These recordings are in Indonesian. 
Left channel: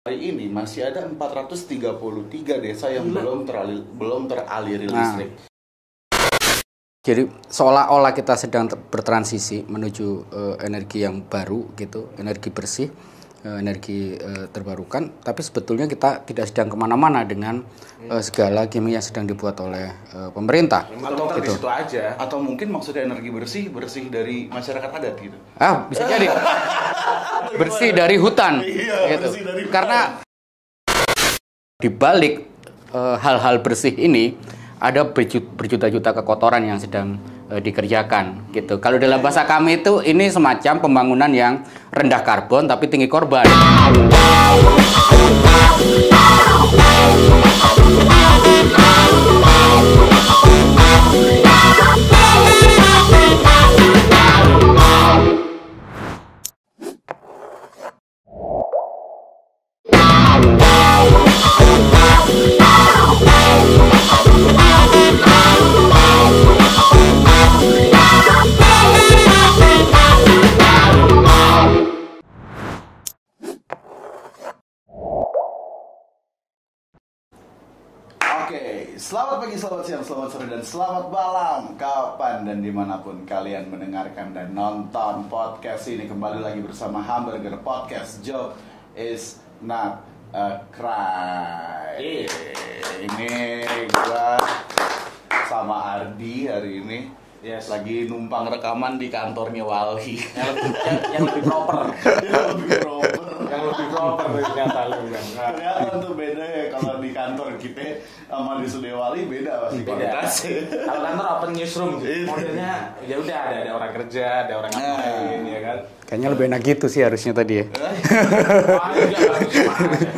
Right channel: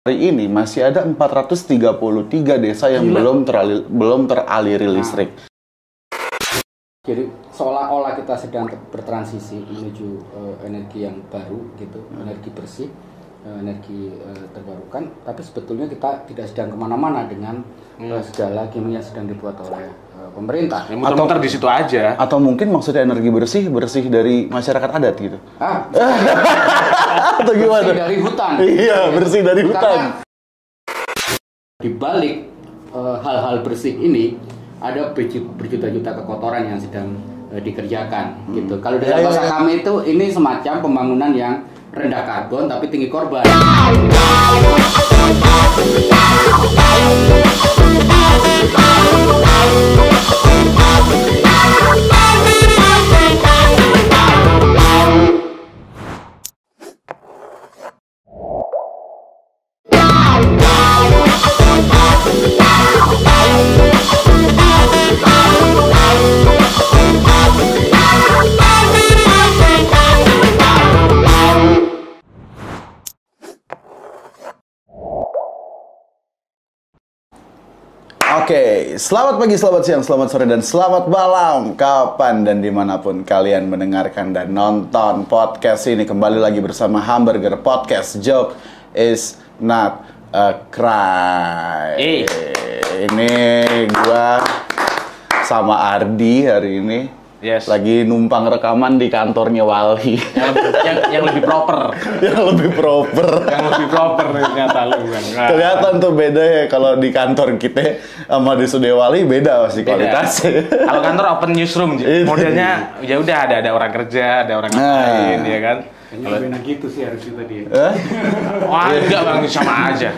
Hari ini masih ada 433 desa yang belum teraliri listrik. Jadi seolah-olah kita sedang bertransisi menuju energi yang baru gitu, energi bersih, energi terbarukan. Tapi sebetulnya kita tidak sedang kemana-mana dengan segala gimmick yang sedang dibuat oleh pemerintah. Atau di situ aja. Atau mungkin maksudnya energi bersih dari masyarakat adat gitu. Bisa jadi. Atau gimana? Bersih dari hutan. Iya, gitu. Bersih dari hutan. Karena di balik hal-hal bersih ini ada berjuta-juta kekotoran yang sedang dikerjakan gitu. Kalau dalam bahasa kami itu ini semacam pembangunan yang rendah karbon tapi tinggi korban. Oke, selamat pagi, selamat siang, selamat sore, dan selamat malam. Kapan dan dimanapun kalian mendengarkan dan nonton podcast ini. Kembali lagi bersama Hamburger Podcast. Joke is not a crime. Ini gua sama Ardi hari ini. Yes. Lagi numpang rekaman di kantornya Walhi. yang lebih proper. Yang lebih proper. Yang lebih proper ternyata lu. Kelihatan tuh beda ya kalau di kantor kita sama di studio Walhi beda pasti kualitasnya. Kalau kantor open newsroom, modelnya ya udah ada orang kerja, ada orang lain, ya kan. Kayaknya lebih enak gitu sih harusnya tadi ya. Wah, enggak Bang, sama aja.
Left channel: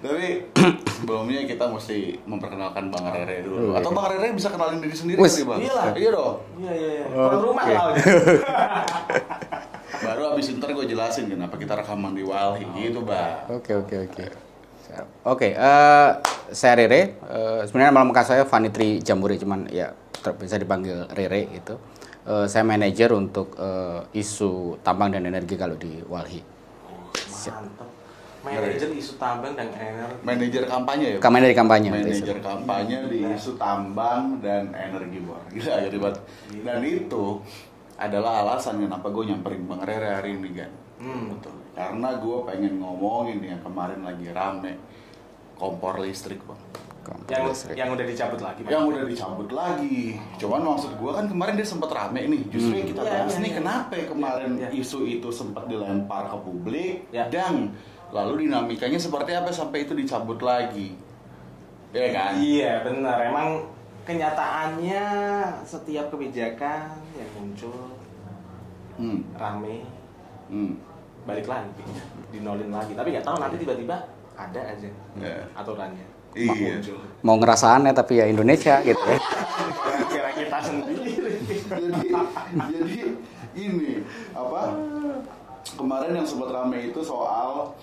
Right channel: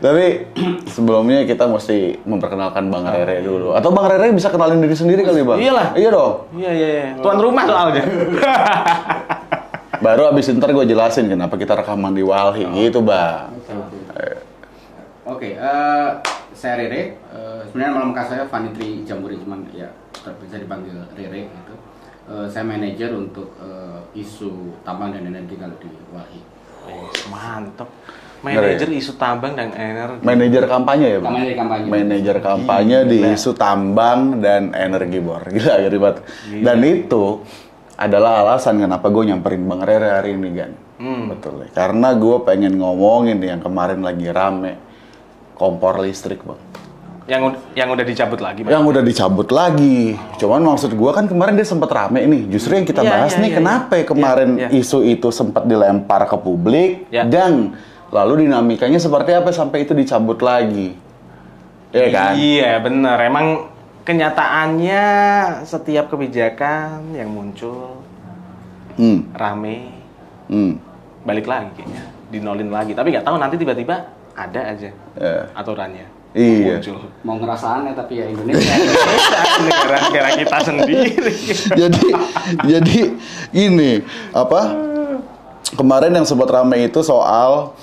Tapi sebelumnya kita mesti memperkenalkan Bang Rere dulu. Atau Bang Rere bisa kenalin diri sendiri kali, Bang? Iyalah. Iya dong. Iya. Tuan rumah soalnya. Baru abis ntar gue jelasin kenapa kita rekaman di Walhi gitu, Bang. Oke, saya Rere. Sebenarnya nama lengkap saya Vanitri Jamburi, cuman ya bisa dipanggil Rere gitu. Saya manajer untuk isu tambang dan energi kalau di Walhi. Mantap. Manajer isu tambang dan energi. Manajer kampanye ya? Manajer kampanye. Manajer kampanye di isu tambang dan energi, Bor. Gila, ribet. Dan itu adalah alasan kenapa gue nyamperin Bang Rere hari ini, kan. Betul. Karena gue pengen ngomongin yang kemarin lagi rame, kompor listrik, Bang. Yang udah dicabut lagi, Bang. Yang udah dicabut lagi. Cuman maksud gue kan kemarin dia sempat rame nih. Justru yang kita bahas nih, kenapa kemarin isu itu sempat dilempar ke publik dan lalu dinamikanya seperti apa sampai itu dicabut lagi. Iya kan? Iya, benar. Emang kenyataannya setiap kebijakan yang muncul rame balik lagi kayaknya, dinolin lagi. Tapi nggak tahu nanti tiba-tiba ada aja aturannya. Iya. Mau ngerasa aneh tapi ya Indonesia. Negara kita sendiri. jadi ini apa? Kemarin yang sempat ramai itu soal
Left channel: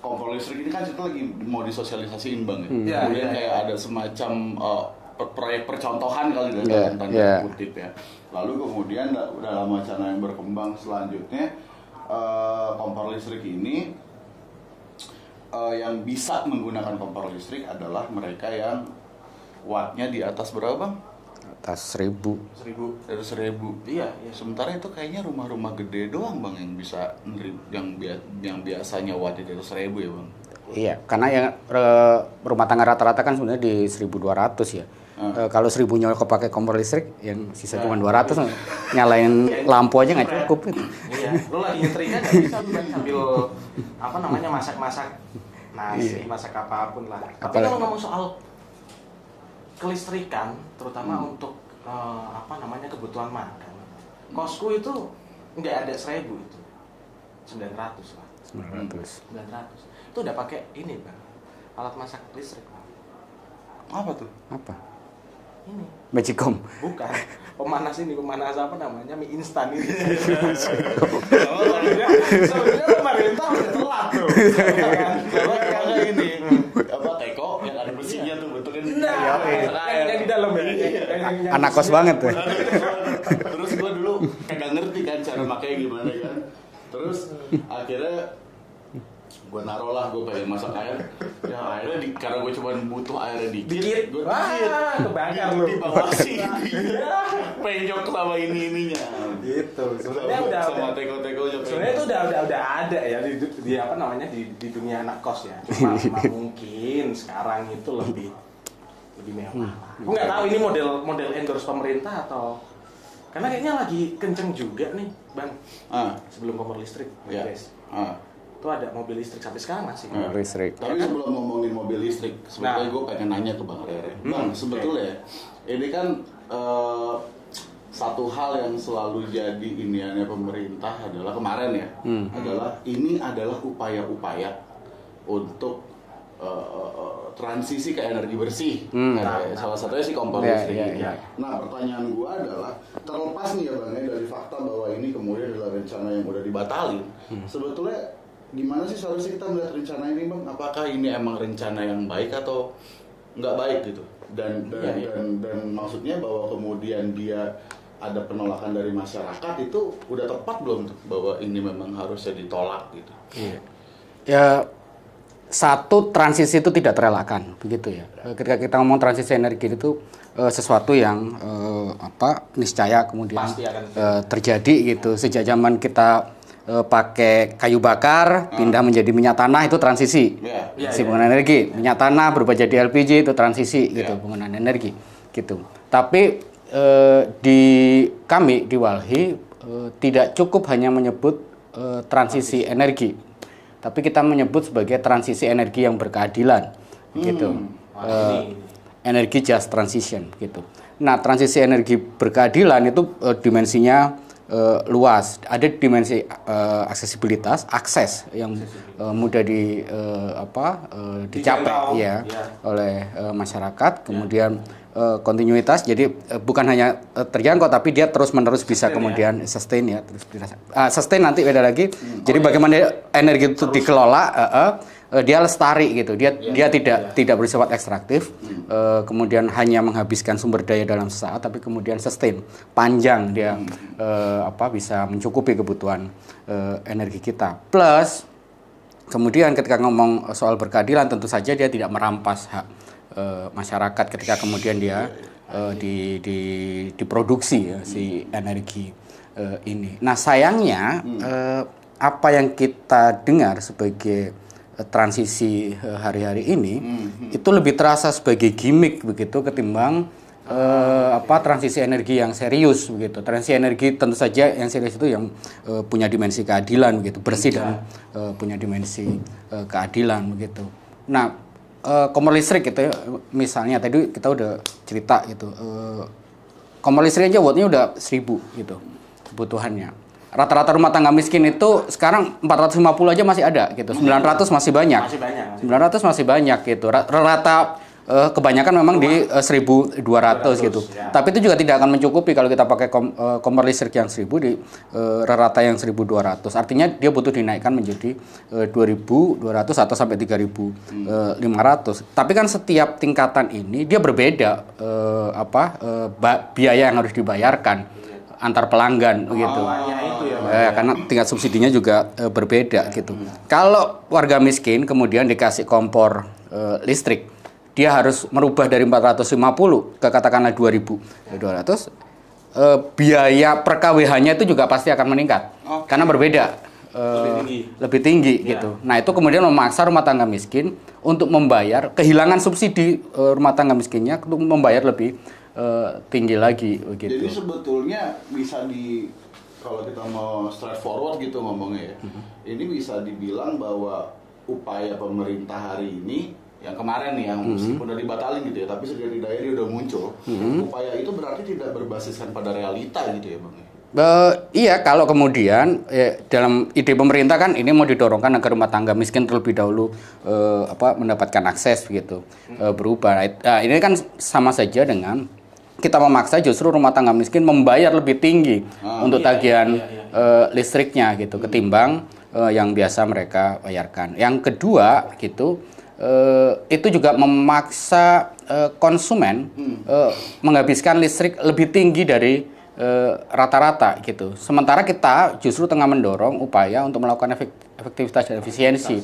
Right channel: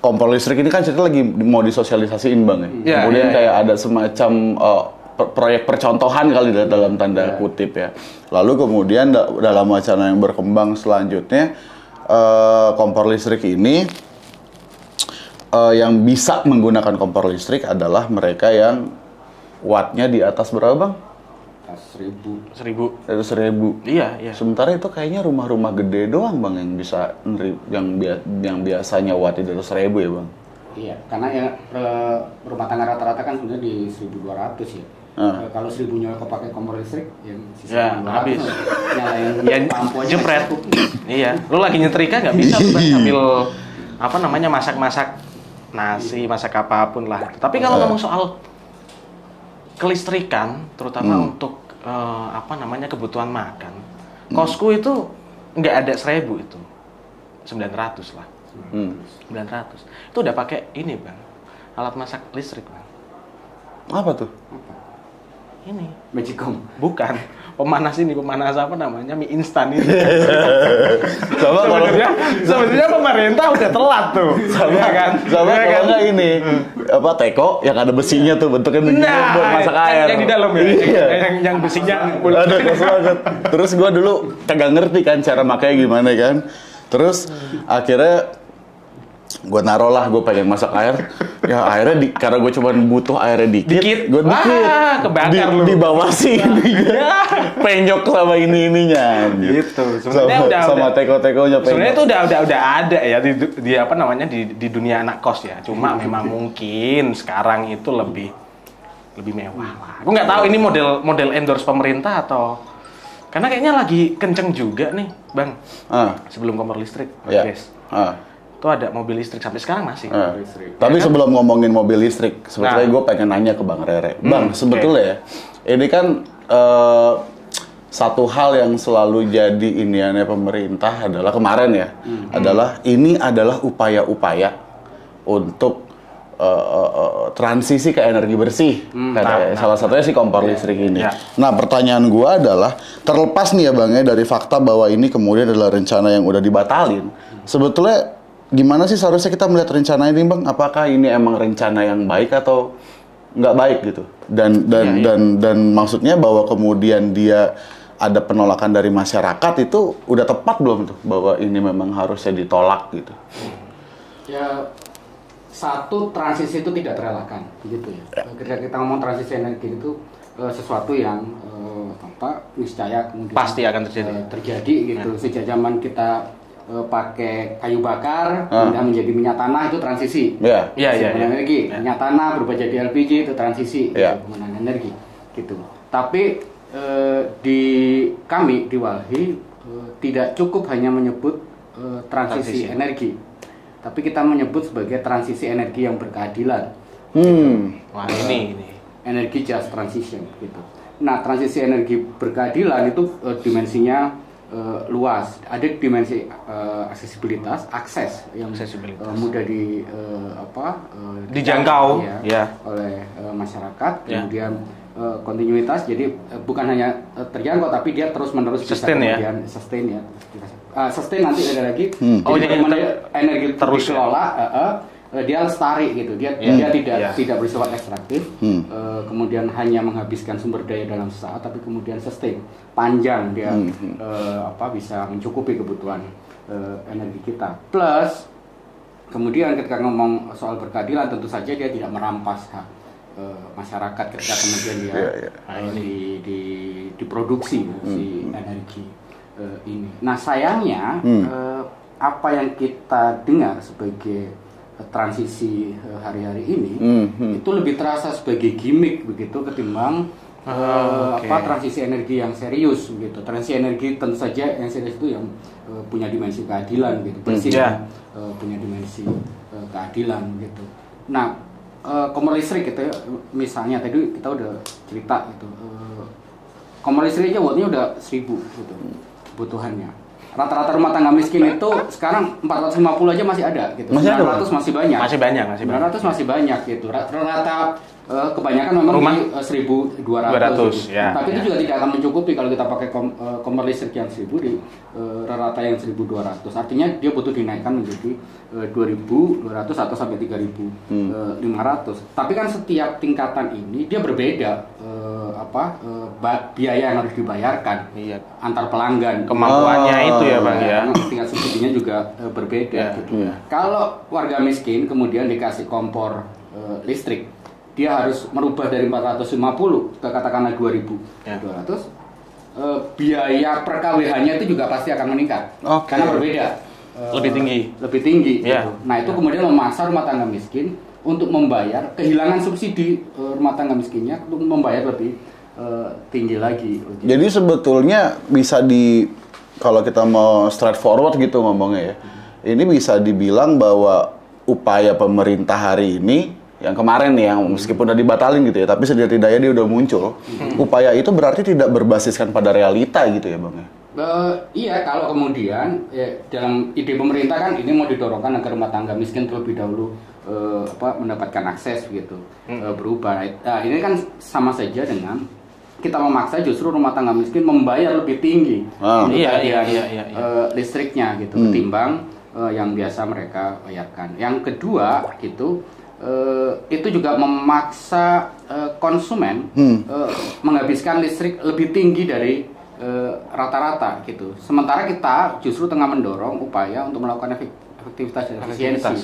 kompor listrik ini kan cerita lagi mau disosialisasiin, Bang ya. Kemudian kayak ada semacam proyek percontohan kali dalam tanda kutip ya. Lalu kemudian dalam wacana yang berkembang selanjutnya kompor listrik ini yang bisa menggunakan kompor listrik adalah mereka yang wattnya di atas berapa, Bang? Atas 1000. 1.000. Iya. Sementara itu kayaknya rumah-rumah gede doang, Bang, yang bisa yang biasanya watt di atas 1.000 ya, Bang? Iya, karena yang rumah tangga rata-rata kan sebenarnya di 1.200 ya. Kalau 1.000 nyawa pakai kompor listrik, yang sisa 200 nyalain lampu aja nggak cukup. Iya, lu lagi nyetrika nggak bisa tuh sambil masak-masak nasi, masak apapun lah. Tapi kalau ngomong soal kelistrikan, terutama untuk kebutuhan makan, kosku itu nggak ada 1.000 itu, 900 lah. 900. Itu udah pakai ini, Bang, alat masak listrik, Bang. Apa tuh? Apa? Ini Magicom. bukan pemanas apa namanya, mie instan ini. Sebenarnya pemerintah udah telat tuh. Sama kan? Kalau nggak ini teko yang ada besinya tuh bentuknya begini buat masak air. Yang di dalam ya. Yang anak kos besinya banget. Anak kos banget. Terus gua dulu kagak ngerti kan cara makanya gimana kan. Terus akhirnya gue naruh lah, gue pengen masak air, ya airnya karena gue cuma butuh airnya dikit, gue kebakar lu di bawah sini, penyok sama ininya, gitu. Sebenarnya sama teko-tekonya. Sebenarnya itu udah ada ya di apa namanya di dunia anak kos ya. Cuma memang mungkin sekarang itu lebih mewah. Aku nggak tahu ini model endorse pemerintah atau karena kayaknya lagi kenceng juga nih, Bang. Sebelum kompor listrik, guys. Itu ada mobil listrik sampai sekarang masih listrik. Tapi sebelum ngomongin mobil listrik, sebetulnya gue pengen nanya ke Bang Rere. Bang, sebetulnya ya, ini kan satu hal yang selalu jadi iniannya pemerintah adalah kemarin ya, ini adalah upaya-upaya untuk transisi ke energi bersih. Salah satunya sih kompor listrik ini. Nah, pertanyaan gue adalah, terlepas nih ya Bang ya dari fakta bahwa ini kemudian adalah rencana yang udah dibatalin, sebetulnya gimana sih seharusnya kita melihat rencana ini, Bang? Apakah ini emang rencana yang baik atau nggak baik gitu? Dan maksudnya bahwa kemudian dia ada penolakan dari masyarakat itu udah tepat belum tuh bahwa ini memang harusnya ditolak gitu? Ya, satu, transisi itu tidak terelakkan, begitu ya. Ketika kita ngomong transisi energi itu sesuatu yang niscaya kemudian pasti akan terjadi gitu. Sejak zaman kita pakai kayu bakar pindah menjadi minyak tanah, itu transisi penggunaan energi. Minyak tanah berubah jadi LPG, itu transisi penggunaan energi gitu. Tapi di kami di Walhi tidak cukup hanya menyebut transisi energi, tapi kita menyebut sebagai transisi energi yang berkeadilan gitu. Energi just transition gitu. Nah, transisi energi berkeadilan itu dimensinya luas. Ada dimensi aksesibilitas, akses yang mudah dijangkau oleh masyarakat. Kemudian kontinuitas, jadi bukan hanya terjangkau tapi dia terus-menerus bisa kemudian sustain ya. Sustain nanti beda lagi. Jadi bagaimana energi itu dikelola, dia lestari gitu. Dia tidak bersifat ekstraktif, kemudian hanya menghabiskan sumber daya dalam sesaat, tapi kemudian sustain panjang, dia bisa mencukupi kebutuhan energi kita. Plus kemudian ketika ngomong soal berkeadilan, tentu saja dia tidak merampas hak masyarakat ketika kemudian dia diproduksi si energi ini. Nah, sayangnya apa yang kita dengar sebagai transisi hari-hari ini itu lebih terasa sebagai gimmick begitu ketimbang transisi energi yang serius begitu. Transisi energi tentu saja yang serius itu yang punya dimensi keadilan gitu, bersih dan punya dimensi keadilan gitu. Nah, kompor listrik gitu ya, misalnya tadi kita udah cerita gitu, kompor listrik aja wattnya udah 1000 gitu kebutuhannya. Rata-rata rumah tangga miskin itu sekarang 450 aja masih ada gitu. 900 masih banyak. 900 masih banyak gitu. Rata kebanyakan memang di 1.200 gitu. Tapi itu juga tidak akan mencukupi kalau kita pakai kompor listrik yang 1.000 di rata yang 1.200. Artinya dia butuh dinaikkan menjadi 2.200 atau sampai 3.500. Tapi kan setiap tingkatan ini dia berbeda biaya yang harus dibayarkan antar pelanggan. Kemampuannya itu ya, Pak. Karena tingkat subsidinya juga berbeda gitu. Kalau warga miskin kemudian dikasih kompor listrik, dia harus merubah dari 450 ke katakanlah 2.200, biaya per KWH-nya itu juga pasti akan meningkat. Karena berbeda. Lebih tinggi gitu. Nah, itu kemudian memaksa rumah tangga miskin untuk membayar kehilangan subsidi rumah tangga miskinnya untuk membayar lebih tinggi lagi gitu. Jadi sebetulnya bisa kalau kita mau straightforward gitu ngomongnya ya. Ini bisa dibilang bahwa upaya pemerintah hari ini yang kemarin nih, yang meskipun udah dibatalin gitu ya, tapi setidak-tidaknya dia udah muncul. Upaya itu berarti tidak berbasiskan pada realita gitu ya, Bang? Iya, kalau kemudian dalam ide pemerintah kan ini mau didorongkan agar rumah tangga miskin terlebih dahulu mendapatkan akses gitu, berubah. Nah, ini kan sama saja dengan kita memaksa justru rumah tangga miskin membayar lebih tinggi untuk tagihan listriknya gitu, ketimbang yang biasa mereka bayarkan. Yang kedua gitu, itu juga memaksa konsumen menghabiskan listrik lebih tinggi dari rata-rata gitu. Sementara kita justru tengah mendorong upaya untuk melakukan efektivitas dan efisiensi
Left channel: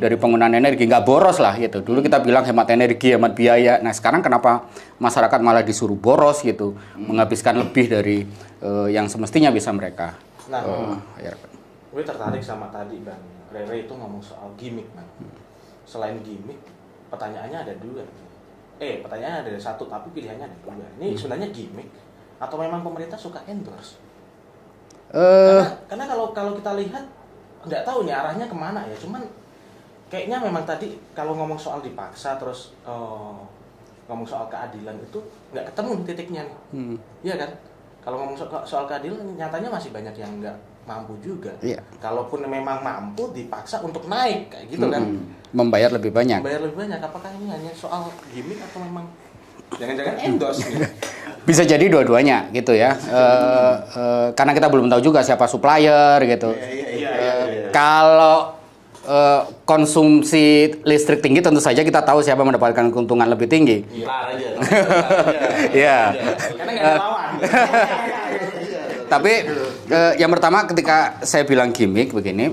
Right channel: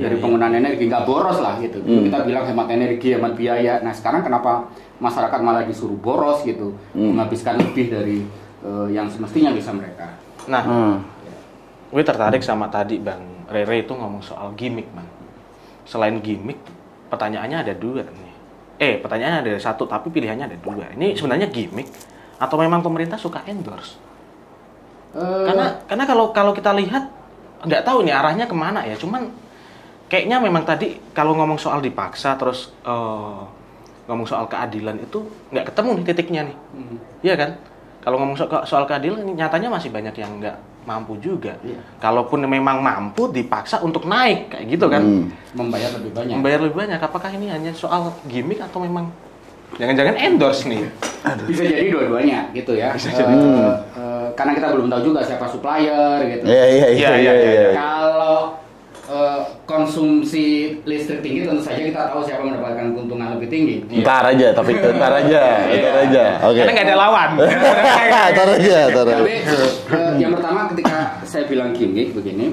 dari penggunaan energi, nggak boros lah gitu. Dulu kita bilang hemat energi, hemat biaya. Nah sekarang kenapa masyarakat malah disuruh boros gitu, menghabiskan lebih dari yang semestinya bisa mereka. Nah, gue tertarik sama tadi Bang Rere itu ngomong soal gimmick, Bang. Selain gimmick, pertanyaannya ada dua nih. Pertanyaannya ada satu, tapi pilihannya ada dua. Ini sebenarnya gimmick atau memang pemerintah suka endorse? Karena kalau kita lihat nggak tahu nih arahnya kemana ya. Cuman kayaknya memang tadi kalau ngomong soal dipaksa terus ngomong soal keadilan itu nggak ketemu nih titiknya nih. Iya kan? Kalau ngomong soal keadilan nyatanya masih banyak yang nggak mampu juga. Iya. Kalaupun memang mampu dipaksa untuk naik kayak gitu kan. Membayar lebih banyak. Apakah ini hanya soal gimmick atau memang jangan-jangan endorse nih? Bisa jadi dua-duanya gitu ya. Karena kita belum tahu juga siapa supplier gitu. Iya. Kalau konsumsi listrik tinggi tentu saja kita tahu siapa mendapatkan keuntungan lebih tinggi. Ntar aja. Karena nggak ada lawan. Ntar aja. Tapi yang pertama ketika saya bilang gimmick begini,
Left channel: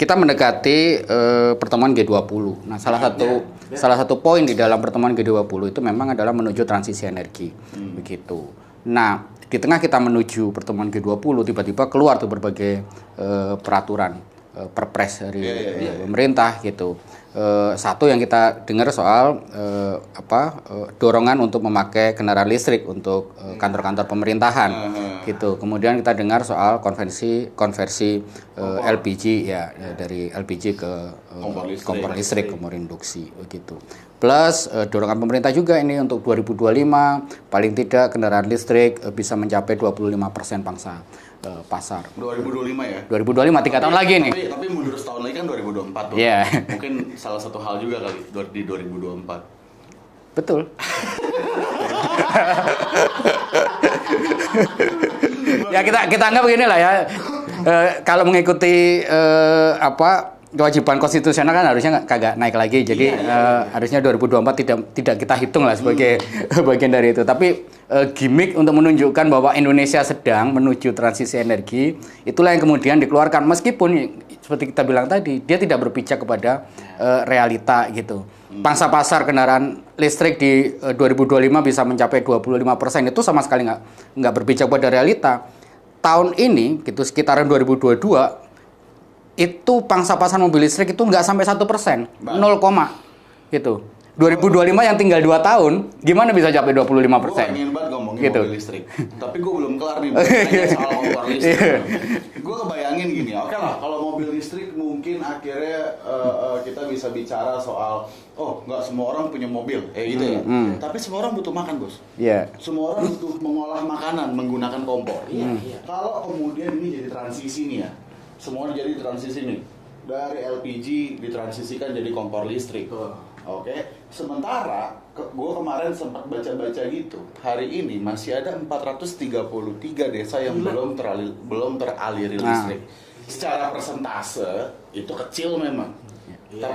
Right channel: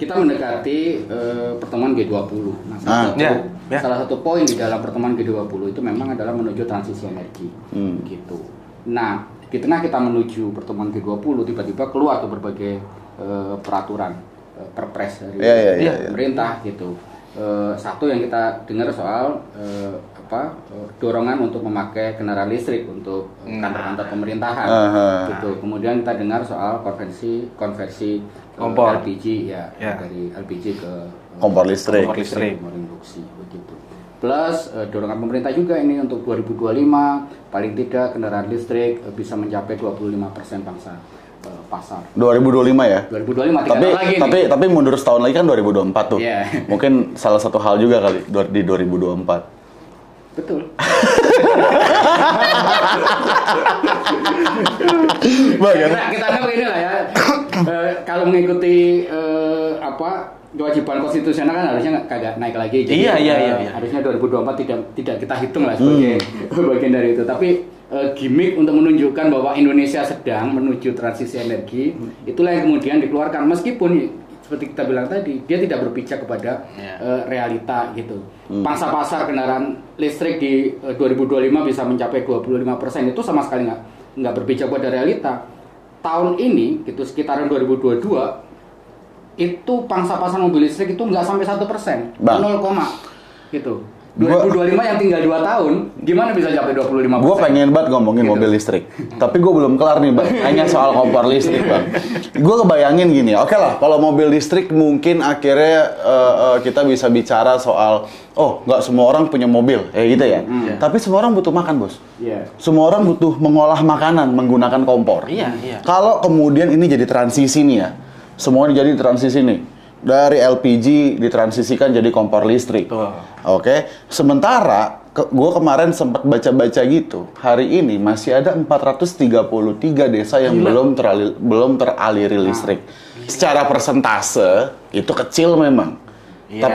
kita mendekati pertemuan G20. Nah, salah satu poin di dalam pertemuan G20 itu memang adalah menuju transisi energi, gitu. Nah, di tengah kita menuju pertemuan G20, tiba-tiba keluar tuh berbagai peraturan. Perpres dari pemerintah gitu. Satu yang kita dengar soal dorongan untuk memakai kendaraan listrik untuk kantor-kantor pemerintahan gitu. Kemudian kita dengar soal konversi LPG dari LPG ke kompor listrik kompor induksi begitu. Plus dorongan pemerintah juga ini untuk 2025 paling tidak kendaraan listrik bisa mencapai 25% pangsa pasar. 2025 ya? 2025 3 tahun lagi nih. Tapi mundur setahun lagi kan 2024 tuh. Yeah. Mungkin salah satu hal juga kali di 2024. Betul. Kita anggap begini lah ya. Kalau mengikuti kewajiban konstitusional kan harusnya kagak naik lagi. Jadi harusnya 2024 tidak kita hitung lah sebagai bagian dari itu. Tapi gimmick untuk menunjukkan bahwa Indonesia sedang menuju transisi energi, itulah yang kemudian dikeluarkan. Meskipun seperti kita bilang tadi, dia tidak berpijak kepada realita gitu. Pangsa pasar kendaraan listrik di 2025 bisa mencapai 25%, itu sama sekali nggak berpijak pada realita. Tahun ini gitu sekitaran 2022 itu pangsa pasar mobil listrik itu nggak sampai 1%, 0, gitu. 2025 yang tinggal 2 tahun, gimana bisa capai 25%? Gue pengen banget ngomongin mobil listrik, tapi gue belum kelar nih Bang, hanya soal kompor listrik Bang. Gue kebayangin gini, oke lah, kalau mobil listrik mungkin akhirnya kita bisa bicara soal, nggak semua orang punya mobil, gitu ya. Tapi semua orang butuh makan, Bos. Semua orang butuh mengolah makanan menggunakan kompor. Kalau kemudian ini jadi transisi nih ya, semua jadi transisi nih. Dari LPG ditransisikan jadi kompor listrik. Oke. Sementara gue kemarin sempat baca-baca gitu. Hari ini masih ada 433 desa yang belum teraliri listrik. Secara persentase itu kecil memang. Ya,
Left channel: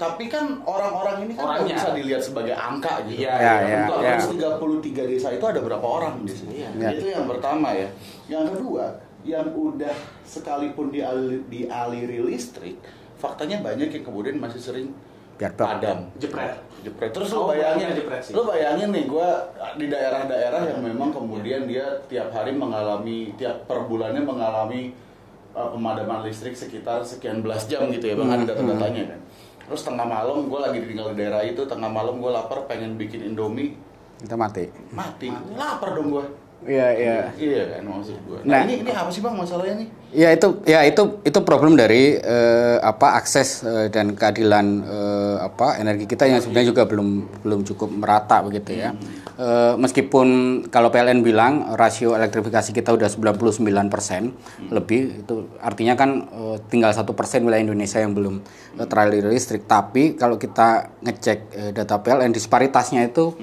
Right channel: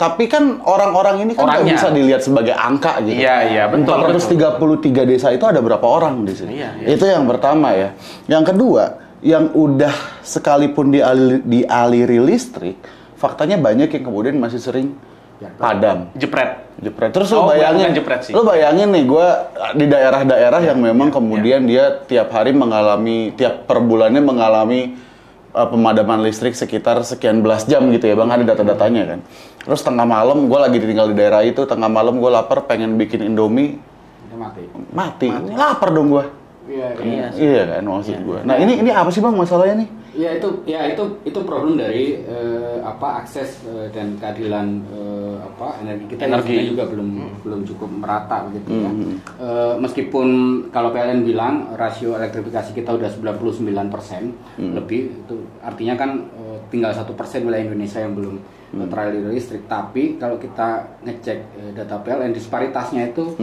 tapi kan orang-orang ini kan nggak bisa dilihat sebagai angka gitu. Iya, betul. 433 desa itu ada berapa orang di sini? Itu yang pertama ya. Yang kedua, yang udah sekalipun dialiri listrik, faktanya banyak yang kemudian masih sering padam, jepret. Terus lu bayangin nih, gue di daerah-daerah yang memang kemudian dia tiap per bulannya mengalami pemadaman listrik sekitar sekian belas jam gitu ya Bang, ada data-datanya kan. Terus tengah malam, gue lagi tinggal di daerah itu, tengah malam gue lapar pengen bikin Indomie, mati. Lapar dong gue. Iya kan maksud gue. Nah, ini apa sih Bang masalahnya nih? Itu problem dari akses dan keadilan energi kita yang sebenarnya juga belum cukup merata begitu ya. Meskipun kalau PLN bilang rasio elektrifikasi kita udah 99% lebih, itu artinya kan tinggal 1% wilayah Indonesia yang belum teraliri listrik. Tapi kalau kita ngecek data PLN, disparitasnya itu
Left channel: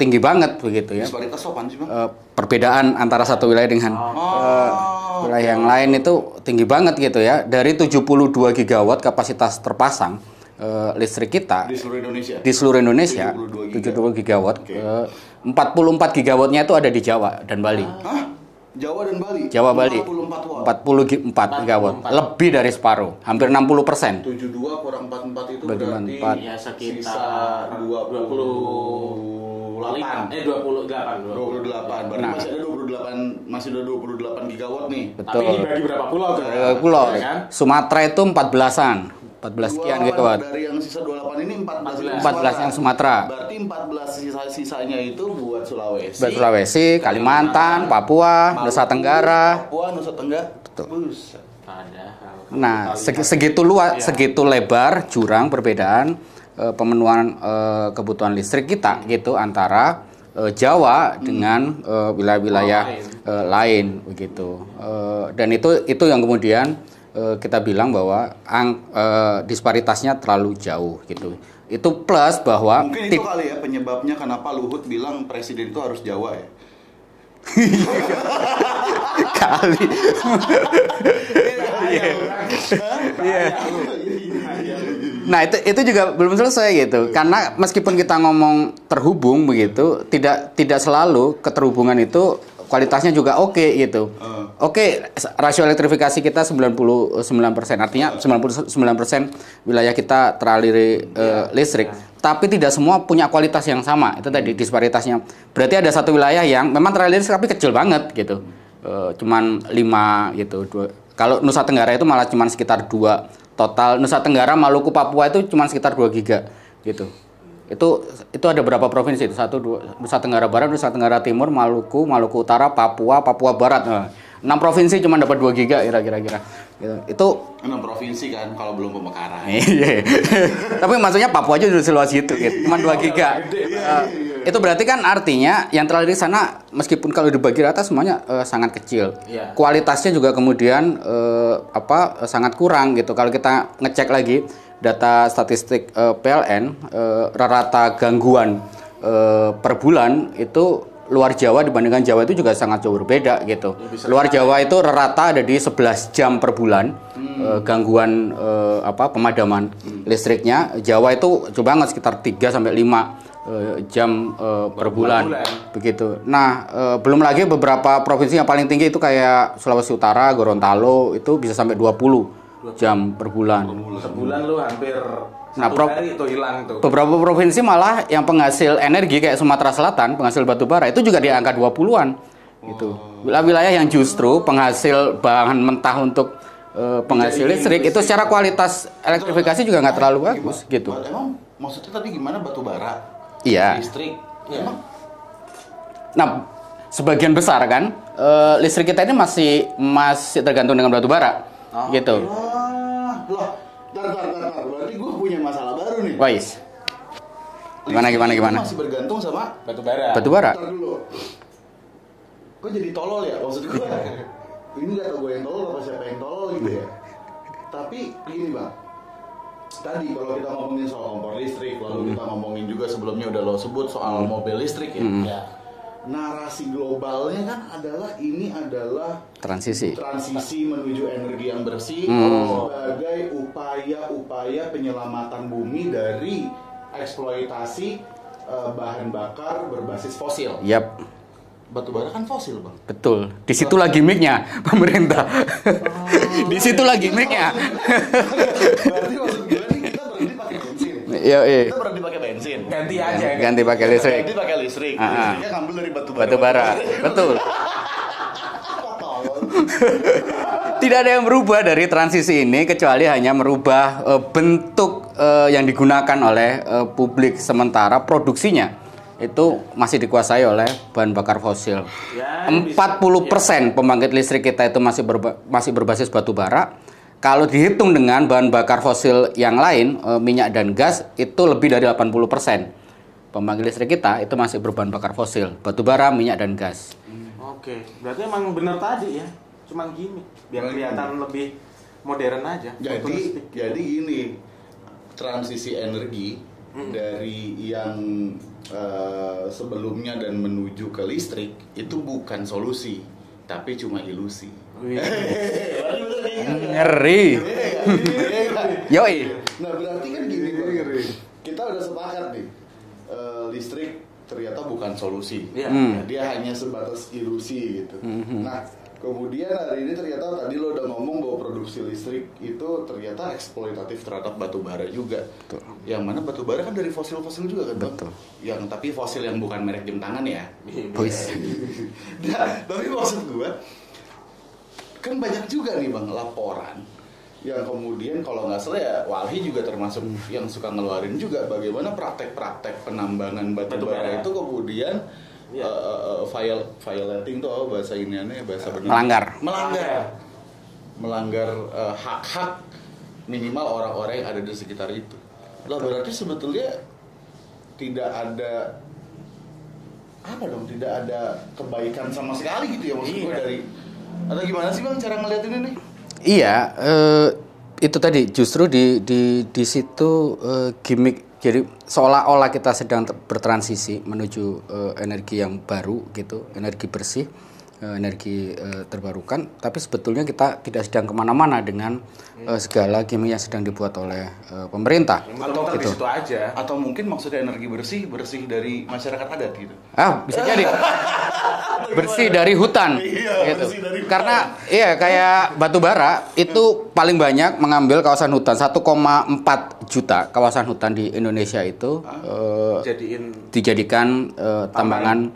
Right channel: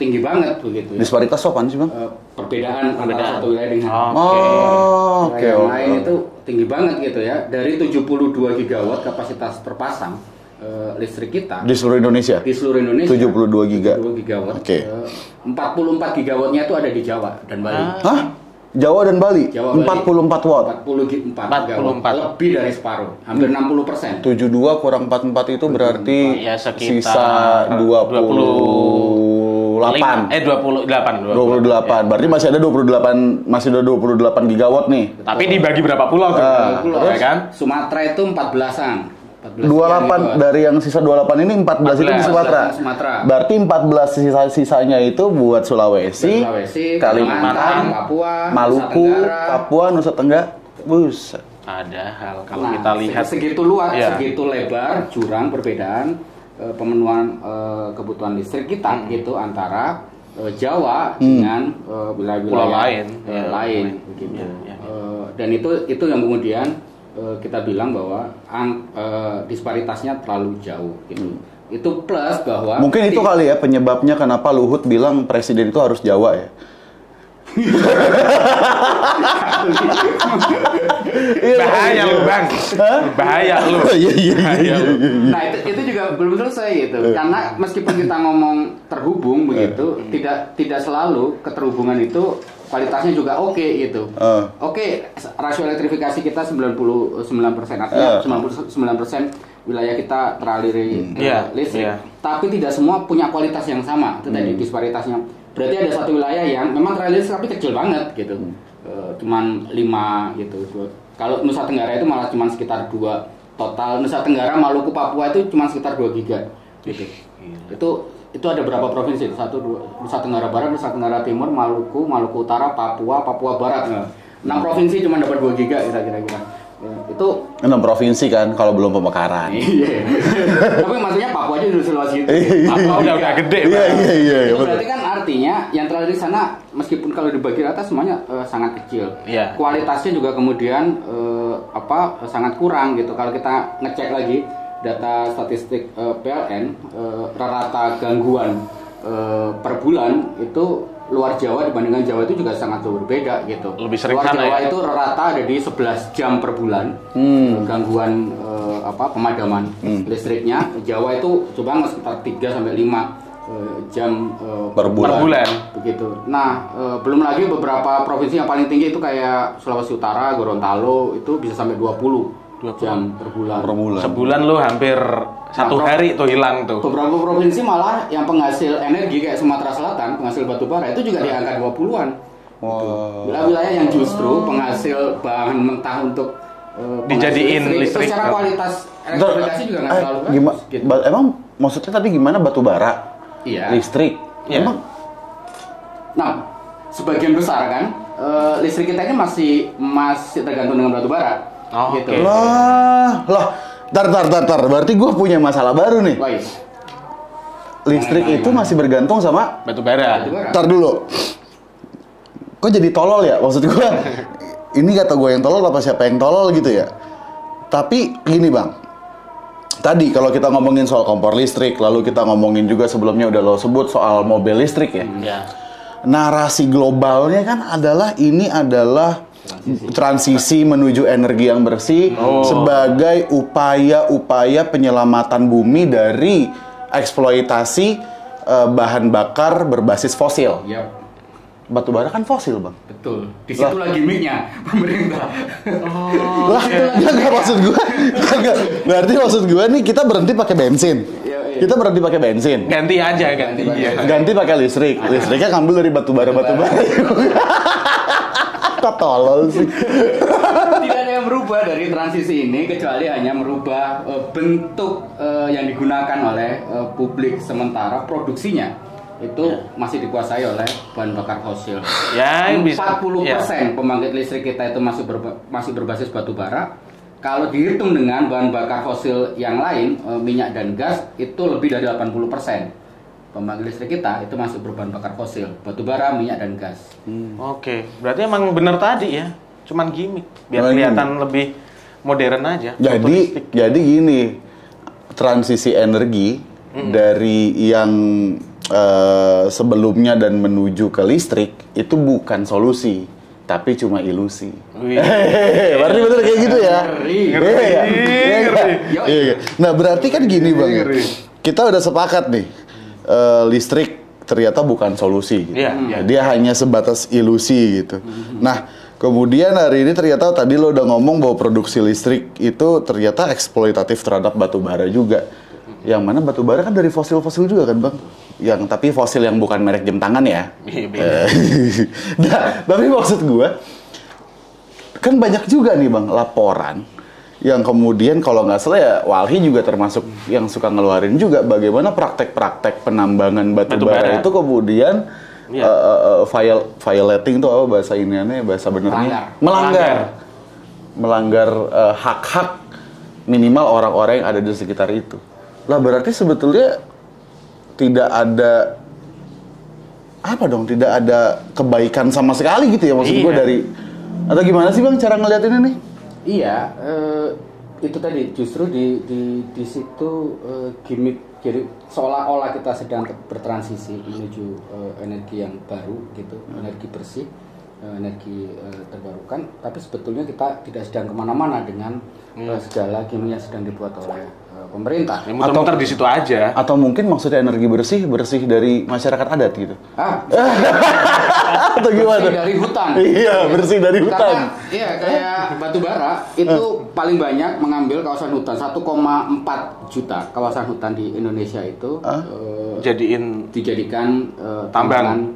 tinggi banget begitu ya. Disparitas apaan sih Bang? Perbedaan antara satu wilayah dengan wilayah yang lain itu tinggi banget gitu ya. Dari 72 gigawatt kapasitas terpasang listrik kita di seluruh Indonesia. 72 gigawatt. Okay. 44 gigawattnya itu ada di Jawa dan Bali. Hah? Jawa dan Bali? Jawa Bali. 44 watt. 44 gigawatt. Lebih dari separuh, hampir 60%. 72 kurang 44 itu berarti ya, sisa 28. 28. Berarti masih ada 28 gigawatt nih. Betul. Tapi dibagi berapa pulau? Pulau ya kan? Sumatera itu 14-an. 28 dari yang sisa 28 ini 14 itu di Sumatera. Berarti 14 sisanya itu buat Sulawesi, Kalimantan, Papua, Maluku, Nusa Tenggara. Nusa Tenggara. Buset. Padahal kalau nah, kita lihat segitu luas, segitu lebar jurang perbedaan pemenuhan kebutuhan listrik kita gitu antara Jawa dengan wilayah-wilayah lain begitu. Dan itu yang kemudian kita bilang bahwa disparitasnya terlalu jauh gitu. Itu plus bahwa mungkin itu kali ya penyebabnya kenapa Luhut bilang presiden itu harus Jawa ya. Bahaya lu Bang. Bahaya lu. Nah itu juga belum selesai gitu. Karena meskipun kita ngomong terhubung begitu, tidak selalu keterhubungan itu kualitasnya juga oke gitu. Oke, rasio elektrifikasi kita 99%. Artinya 99% wilayah kita teraliri listrik. Tapi tidak semua punya kualitas yang sama. Itu tadi disparitasnya. Berarti ada satu wilayah yang memang teraliri listrik tapi kecil banget gitu. Cuman 5 gitu. Kalau Nusa Tenggara itu malah cuman sekitar 2 total. Nusa Tenggara, Maluku, Papua itu cuman sekitar 2 giga gitu. Itu ada berapa provinsi? 1, 2, Nusa Tenggara Barat, Nusa Tenggara Timur, Maluku Utara, Papua Barat. 6 provinsi cuma dapat 2 giga kira-kira. Itu 6 provinsi kan kalau belum pemekaran. Iya. Tapi maksudnya Papua aja udah seluas itu gitu. 2 giga. Gede. Itu berarti kan artinya yang terlalu di sana meskipun kalau dibagi rata semuanya sangat kecil. Kualitasnya juga kemudian sangat kurang gitu. Kalau kita ngecek lagi data statistik PLN, rata gangguan per bulan itu luar Jawa dibandingkan Jawa itu juga sangat jauh berbeda gitu. Luar Jawa itu rata ada di 11 jam per bulan gangguan pemadaman listriknya. Jawa itu coba nggak sekitar 3 sampai 5 jam per bulan. Begitu. Nah, belum lagi beberapa provinsi yang paling tinggi itu kayak Sulawesi Utara, Gorontalo itu bisa sampai 20 jam per bulan. Sebulan lu hampir 1 hari tuh hilang tuh. Beberapa provinsi malah yang penghasil energi kayak Sumatera Selatan, penghasil batu bara itu juga di angka 20-an. Gitu. Wilayah yang justru penghasil bahan mentah untuk penghasil listrik itu secara kualitas elektrifikasi juga nggak terlalu bagus. Gitu. Emang maksudnya tadi gimana batu bara? Iya. Listrik. Iya. Emang? Nah, sebagian besar kan listrik kita ini masih tergantung dengan batu bara. Gitu. Loh. Tar. Berarti gue punya masalah baru nih. Wais. Listrik itu masih bergantung sama batu bara. Tar dulu. Kok jadi tolol ya? Maksud gue, ini kata gue yang tolol apa siapa yang tolol gitu ya? Tapi gini Bang. Tadi kalau kita ngomongin soal kompor listrik, lalu kita ngomongin juga sebelumnya udah lo sebut soal mobil listrik ya. Narasi globalnya kan adalah transisi menuju energi yang bersih sebagai upaya penyelamatan bumi dari eksploitasi bahan bakar berbasis fosil. Yap. Batu bara kan fosil, Bang. Betul. Di situlah gimmicknya pemerintah. Di situlah gimmicknya. Berarti maksud gue nih kita berhenti pakai bensin. Iya. Kita berhenti pakai bensin. Ganti pakai listrik. Ganti pakai listrik. Listriknya ngambil dari batu bara. Betul. Kok tolol sih. Tidak ada yang berubah dari transisi ini kecuali hanya merubah bentuk yang digunakan oleh publik, sementara produksinya itu masih dikuasai oleh bahan bakar fosil. 40% pembangkit listrik kita itu masih berbasis batu bara. Kalau dihitung dengan bahan bakar fosil yang lain, minyak dan gas, itu lebih dari 80%. Pembangkit listrik kita itu masih berbahan bakar fosil, batu bara, minyak dan gas. Oke, berarti emang bener tadi ya, cuman gimmick biar kelihatan lebih modern aja. Jadi gini, transisi energi dari yang sebelumnya dan menuju ke listrik itu bukan solusi, tapi cuma ilusi. Berarti bener kayak gitu ya. Ngeri. Iya. Nah berarti kan gini bang ya, kita udah sepakat nih listrik ternyata bukan solusi. Dia hanya sebatas ilusi gitu. Nah kemudian hari ini ternyata tadi lo udah ngomong bahwa produksi listrik itu ternyata eksploitatif terhadap batu bara juga. Yang mana batu bara kan dari fosil-fosil juga kan bang? Yang tapi fosil yang bukan merek jam tangan ya. Nah, tapi maksud gue kan banyak juga nih bang laporan yang kemudian kalau nggak salah ya Walhi juga termasuk yang suka ngeluarin juga bagaimana praktek-praktek penambangan batu bara itu kemudian violating itu apa bahasa iniannya, bahasa benernya? Melanggar hak-hak minimal orang-orang yang ada di sekitar itu. Lah berarti sebetulnya tidak ada tidak ada kebaikan sama sekali gitu ya maksud gue dari, atau gimana sih bang cara ngeliatinnya nih? Iya, itu tadi justru di situ gimmick. Jadi seolah-olah kita sedang bertransisi menuju energi yang baru gitu, energi bersih, energi terbarukan. Tapi sebetulnya kita tidak sedang kemana-mana dengan segala gimmick yang sedang dibuat oleh pemerintah. Muter-muter di situ aja. Atau mungkin maksudnya energi bersih dari masyarakat adat gitu? Bisa jadi. Bersih dari hutan. Iya, gitu. Bersih dari hutan. Karena kayak batu bara itu paling banyak mengambil kawasan hutan. 1,4 juta kawasan hutan di Indonesia itu dijadikan tambangan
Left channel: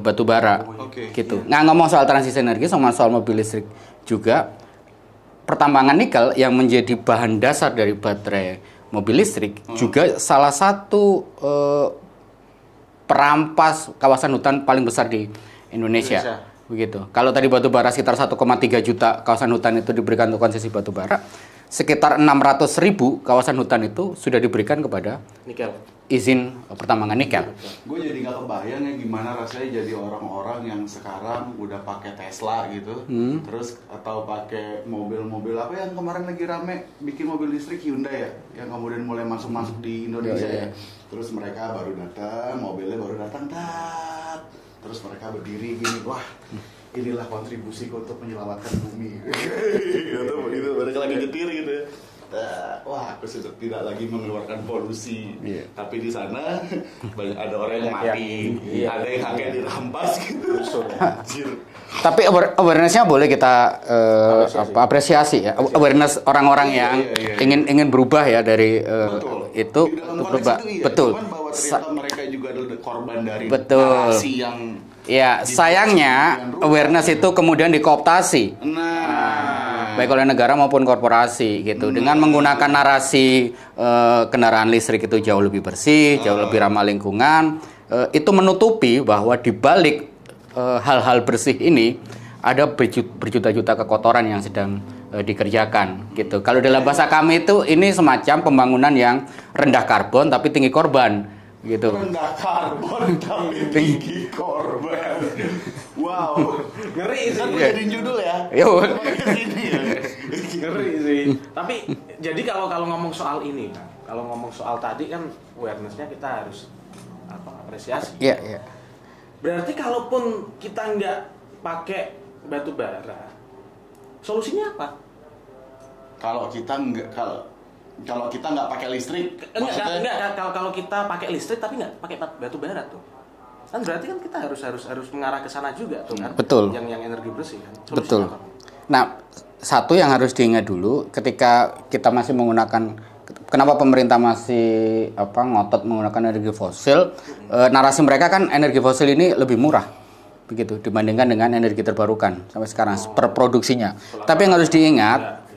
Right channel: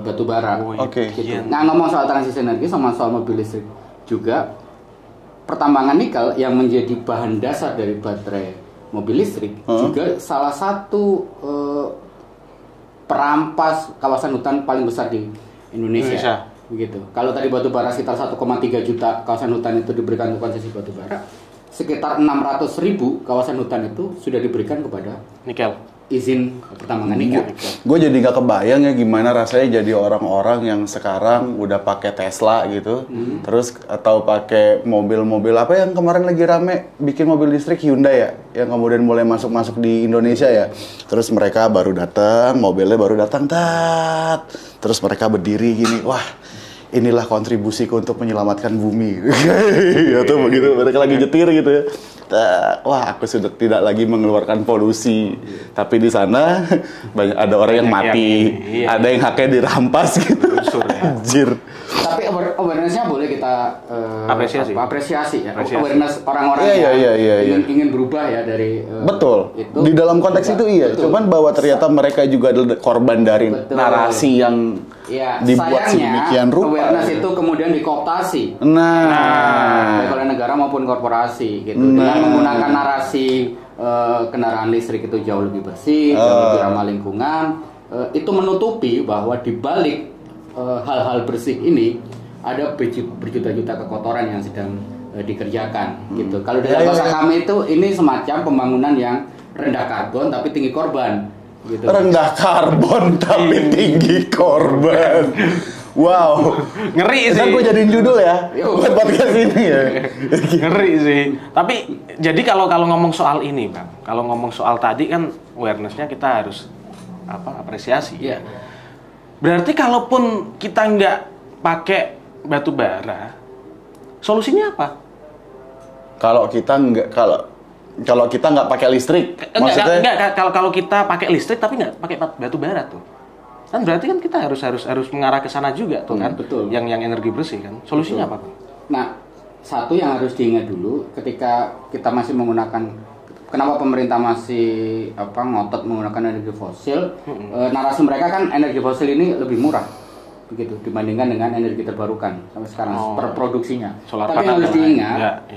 batu bara. Gitu. Nah, ngomong soal transisi energi sama soal mobil listrik juga, pertambangan nikel yang menjadi bahan dasar dari baterai mobil listrik juga salah satu perampas kawasan hutan paling besar di Indonesia. Begitu. Kalau tadi batu bara sekitar 1,3 juta kawasan hutan itu diberikan untuk konsesi batu bara, sekitar 600.000 kawasan hutan itu sudah diberikan kepada nikel, izin pertambangan nikel. Gue jadi nggak kebayang ya gimana rasanya jadi orang-orang yang sekarang udah pakai Tesla gitu, terus atau pakai mobil-mobil apa yang kemarin lagi rame bikin mobil listrik Hyundai ya, yang kemudian mulai masuk di Indonesia ya. Terus mereka baru datang, mobilnya baru datang, terus mereka berdiri gini, wah. Inilah kontribusiku untuk menyelamatkan bumi. Atau begitu, mereka lagi nyetir gitu ya. Wah, aku sudah tidak lagi mengeluarkan polusi. Tapi di sana banyak ada orang yang mati, ada yang haknya dirampas gitu. Anjir. Tapi awareness-nya boleh kita apresiasi ya. Awareness orang-orang yang ingin berubah ya dari betul. Itu. Di dalam konteks berubah. itu iya. Betul. Cuman bahwa ternyata mereka juga adalah korban dari narasi yang sayangnya awareness itu kemudian dikooptasi. Baik oleh negara maupun korporasi gitu. Dengan menggunakan narasi kendaraan listrik itu jauh lebih bersih, jauh lebih ramah lingkungan, itu menutupi bahwa di balik hal-hal bersih ini ada berjuta-juta kekotoran yang sedang dikerjakan gitu. Kalau dalam bahasa kami itu ini semacam pembangunan yang rendah karbon tapi tinggi korban gitu. Rendah karbon tapi tinggi korban. Wow, ngeri sih. Kan gue jadiin judul ya. Bukan podcast ini ya. Ngeri sih. Tapi jadi kalau ngomong soal ini, Bang, kalau ngomong soal tadi kan awareness-nya kita harus apresiasi. Iya. Berarti kalaupun kita nggak pakai batu bara, solusinya apa? Kalau kita nggak pakai listrik, maksudnya kalau kita pakai listrik tapi nggak pakai batu bara tuh, kan berarti kan kita harus mengarah ke sana juga tuh kan? Betul. Yang energi bersih kan? Solusinya apa? Nah, satu yang harus diingat dulu ketika kita masih menggunakan, kenapa pemerintah masih ngotot menggunakan energi fosil? Narasi mereka kan energi fosil ini lebih murah begitu dibandingkan dengan energi terbarukan sampai sekarang per produksinya. Tapi yang harus diingat,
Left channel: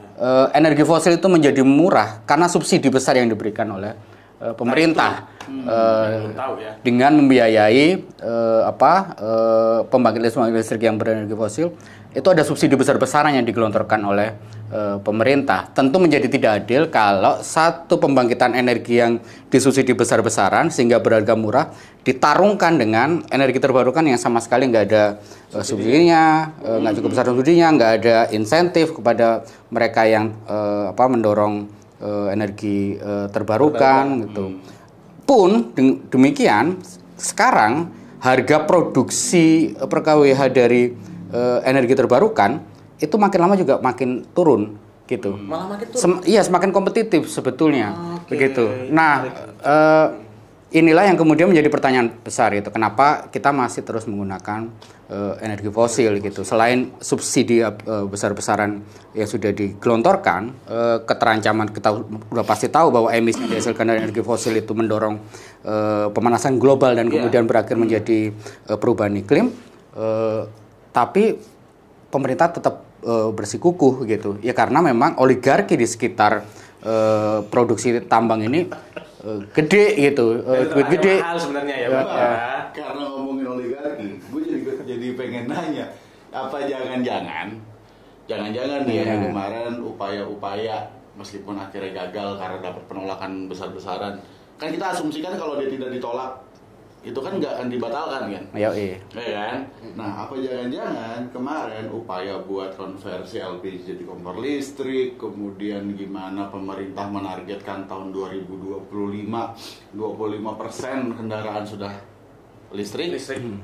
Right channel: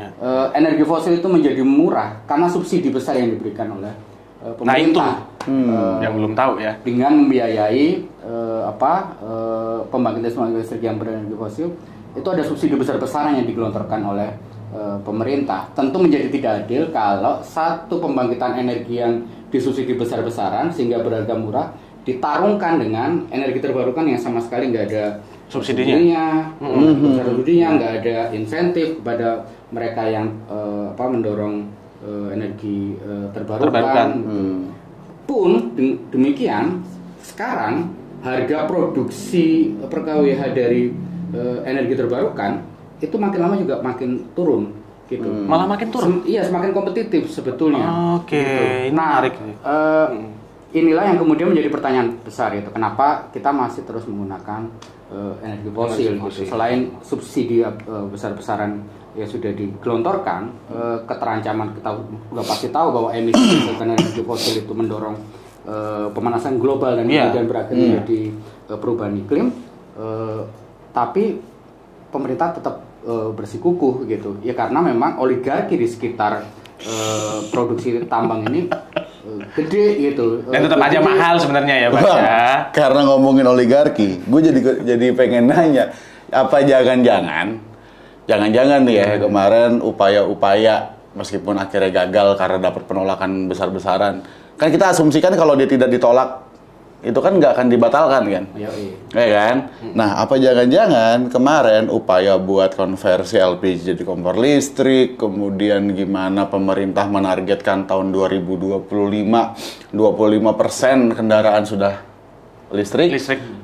energi fosil itu menjadi murah karena subsidi besar yang diberikan oleh pemerintah. Yang belum tahu ya. Dengan membiayai pembangkit listrik yang berenergi fosil, itu ada subsidi besar-besaran yang digelontorkan oleh pemerintah. Tentu menjadi tidak adil kalau satu pembangkitan energi yang disubsidi besar-besaran sehingga berharga murah ditarungkan dengan energi terbarukan yang sama sekali nggak ada subsidinya, nggak cukup besar subsidinya, nggak ada insentif kepada mereka yang mendorong energi terbarukan. Gitu. Pun demikian, sekarang harga produksi per kWh dari energi terbarukan itu makin lama juga makin turun gitu. Malah makin turun. Iya, semakin kompetitif sebetulnya. Oke. Gitu. Nah, inilah yang kemudian menjadi pertanyaan besar itu. Kenapa kita masih terus menggunakan energi fosil gitu. Selain subsidi besar-besaran yang sudah digelontorkan, keterancaman kita sudah pasti tahu bahwa emisi dihasilkan dari energi fosil itu mendorong pemanasan global dan kemudian berakhir menjadi perubahan iklim. Tapi pemerintah tetap bersikukuh gitu. Ya karena memang oligarki di sekitar produksi tambang ini gede gitu. Dan tetap aja mahal sebenarnya ya, Pak. Karena ngomongin oligarki, gue jadi pengen nanya, apa jangan-jangan nih ya kemarin upaya-upaya meskipun akhirnya gagal karena dapat penolakan besar-besaran, kan kita asumsikan kalau dia tidak ditolak itu kan nggak akan dibatalkan kan? Iya. Ya kan? Nah, apa jangan-jangan kemarin upaya buat konversi LPG jadi kompor listrik, kemudian gimana pemerintah menargetkan tahun 2025 25% kendaraan sudah listrik.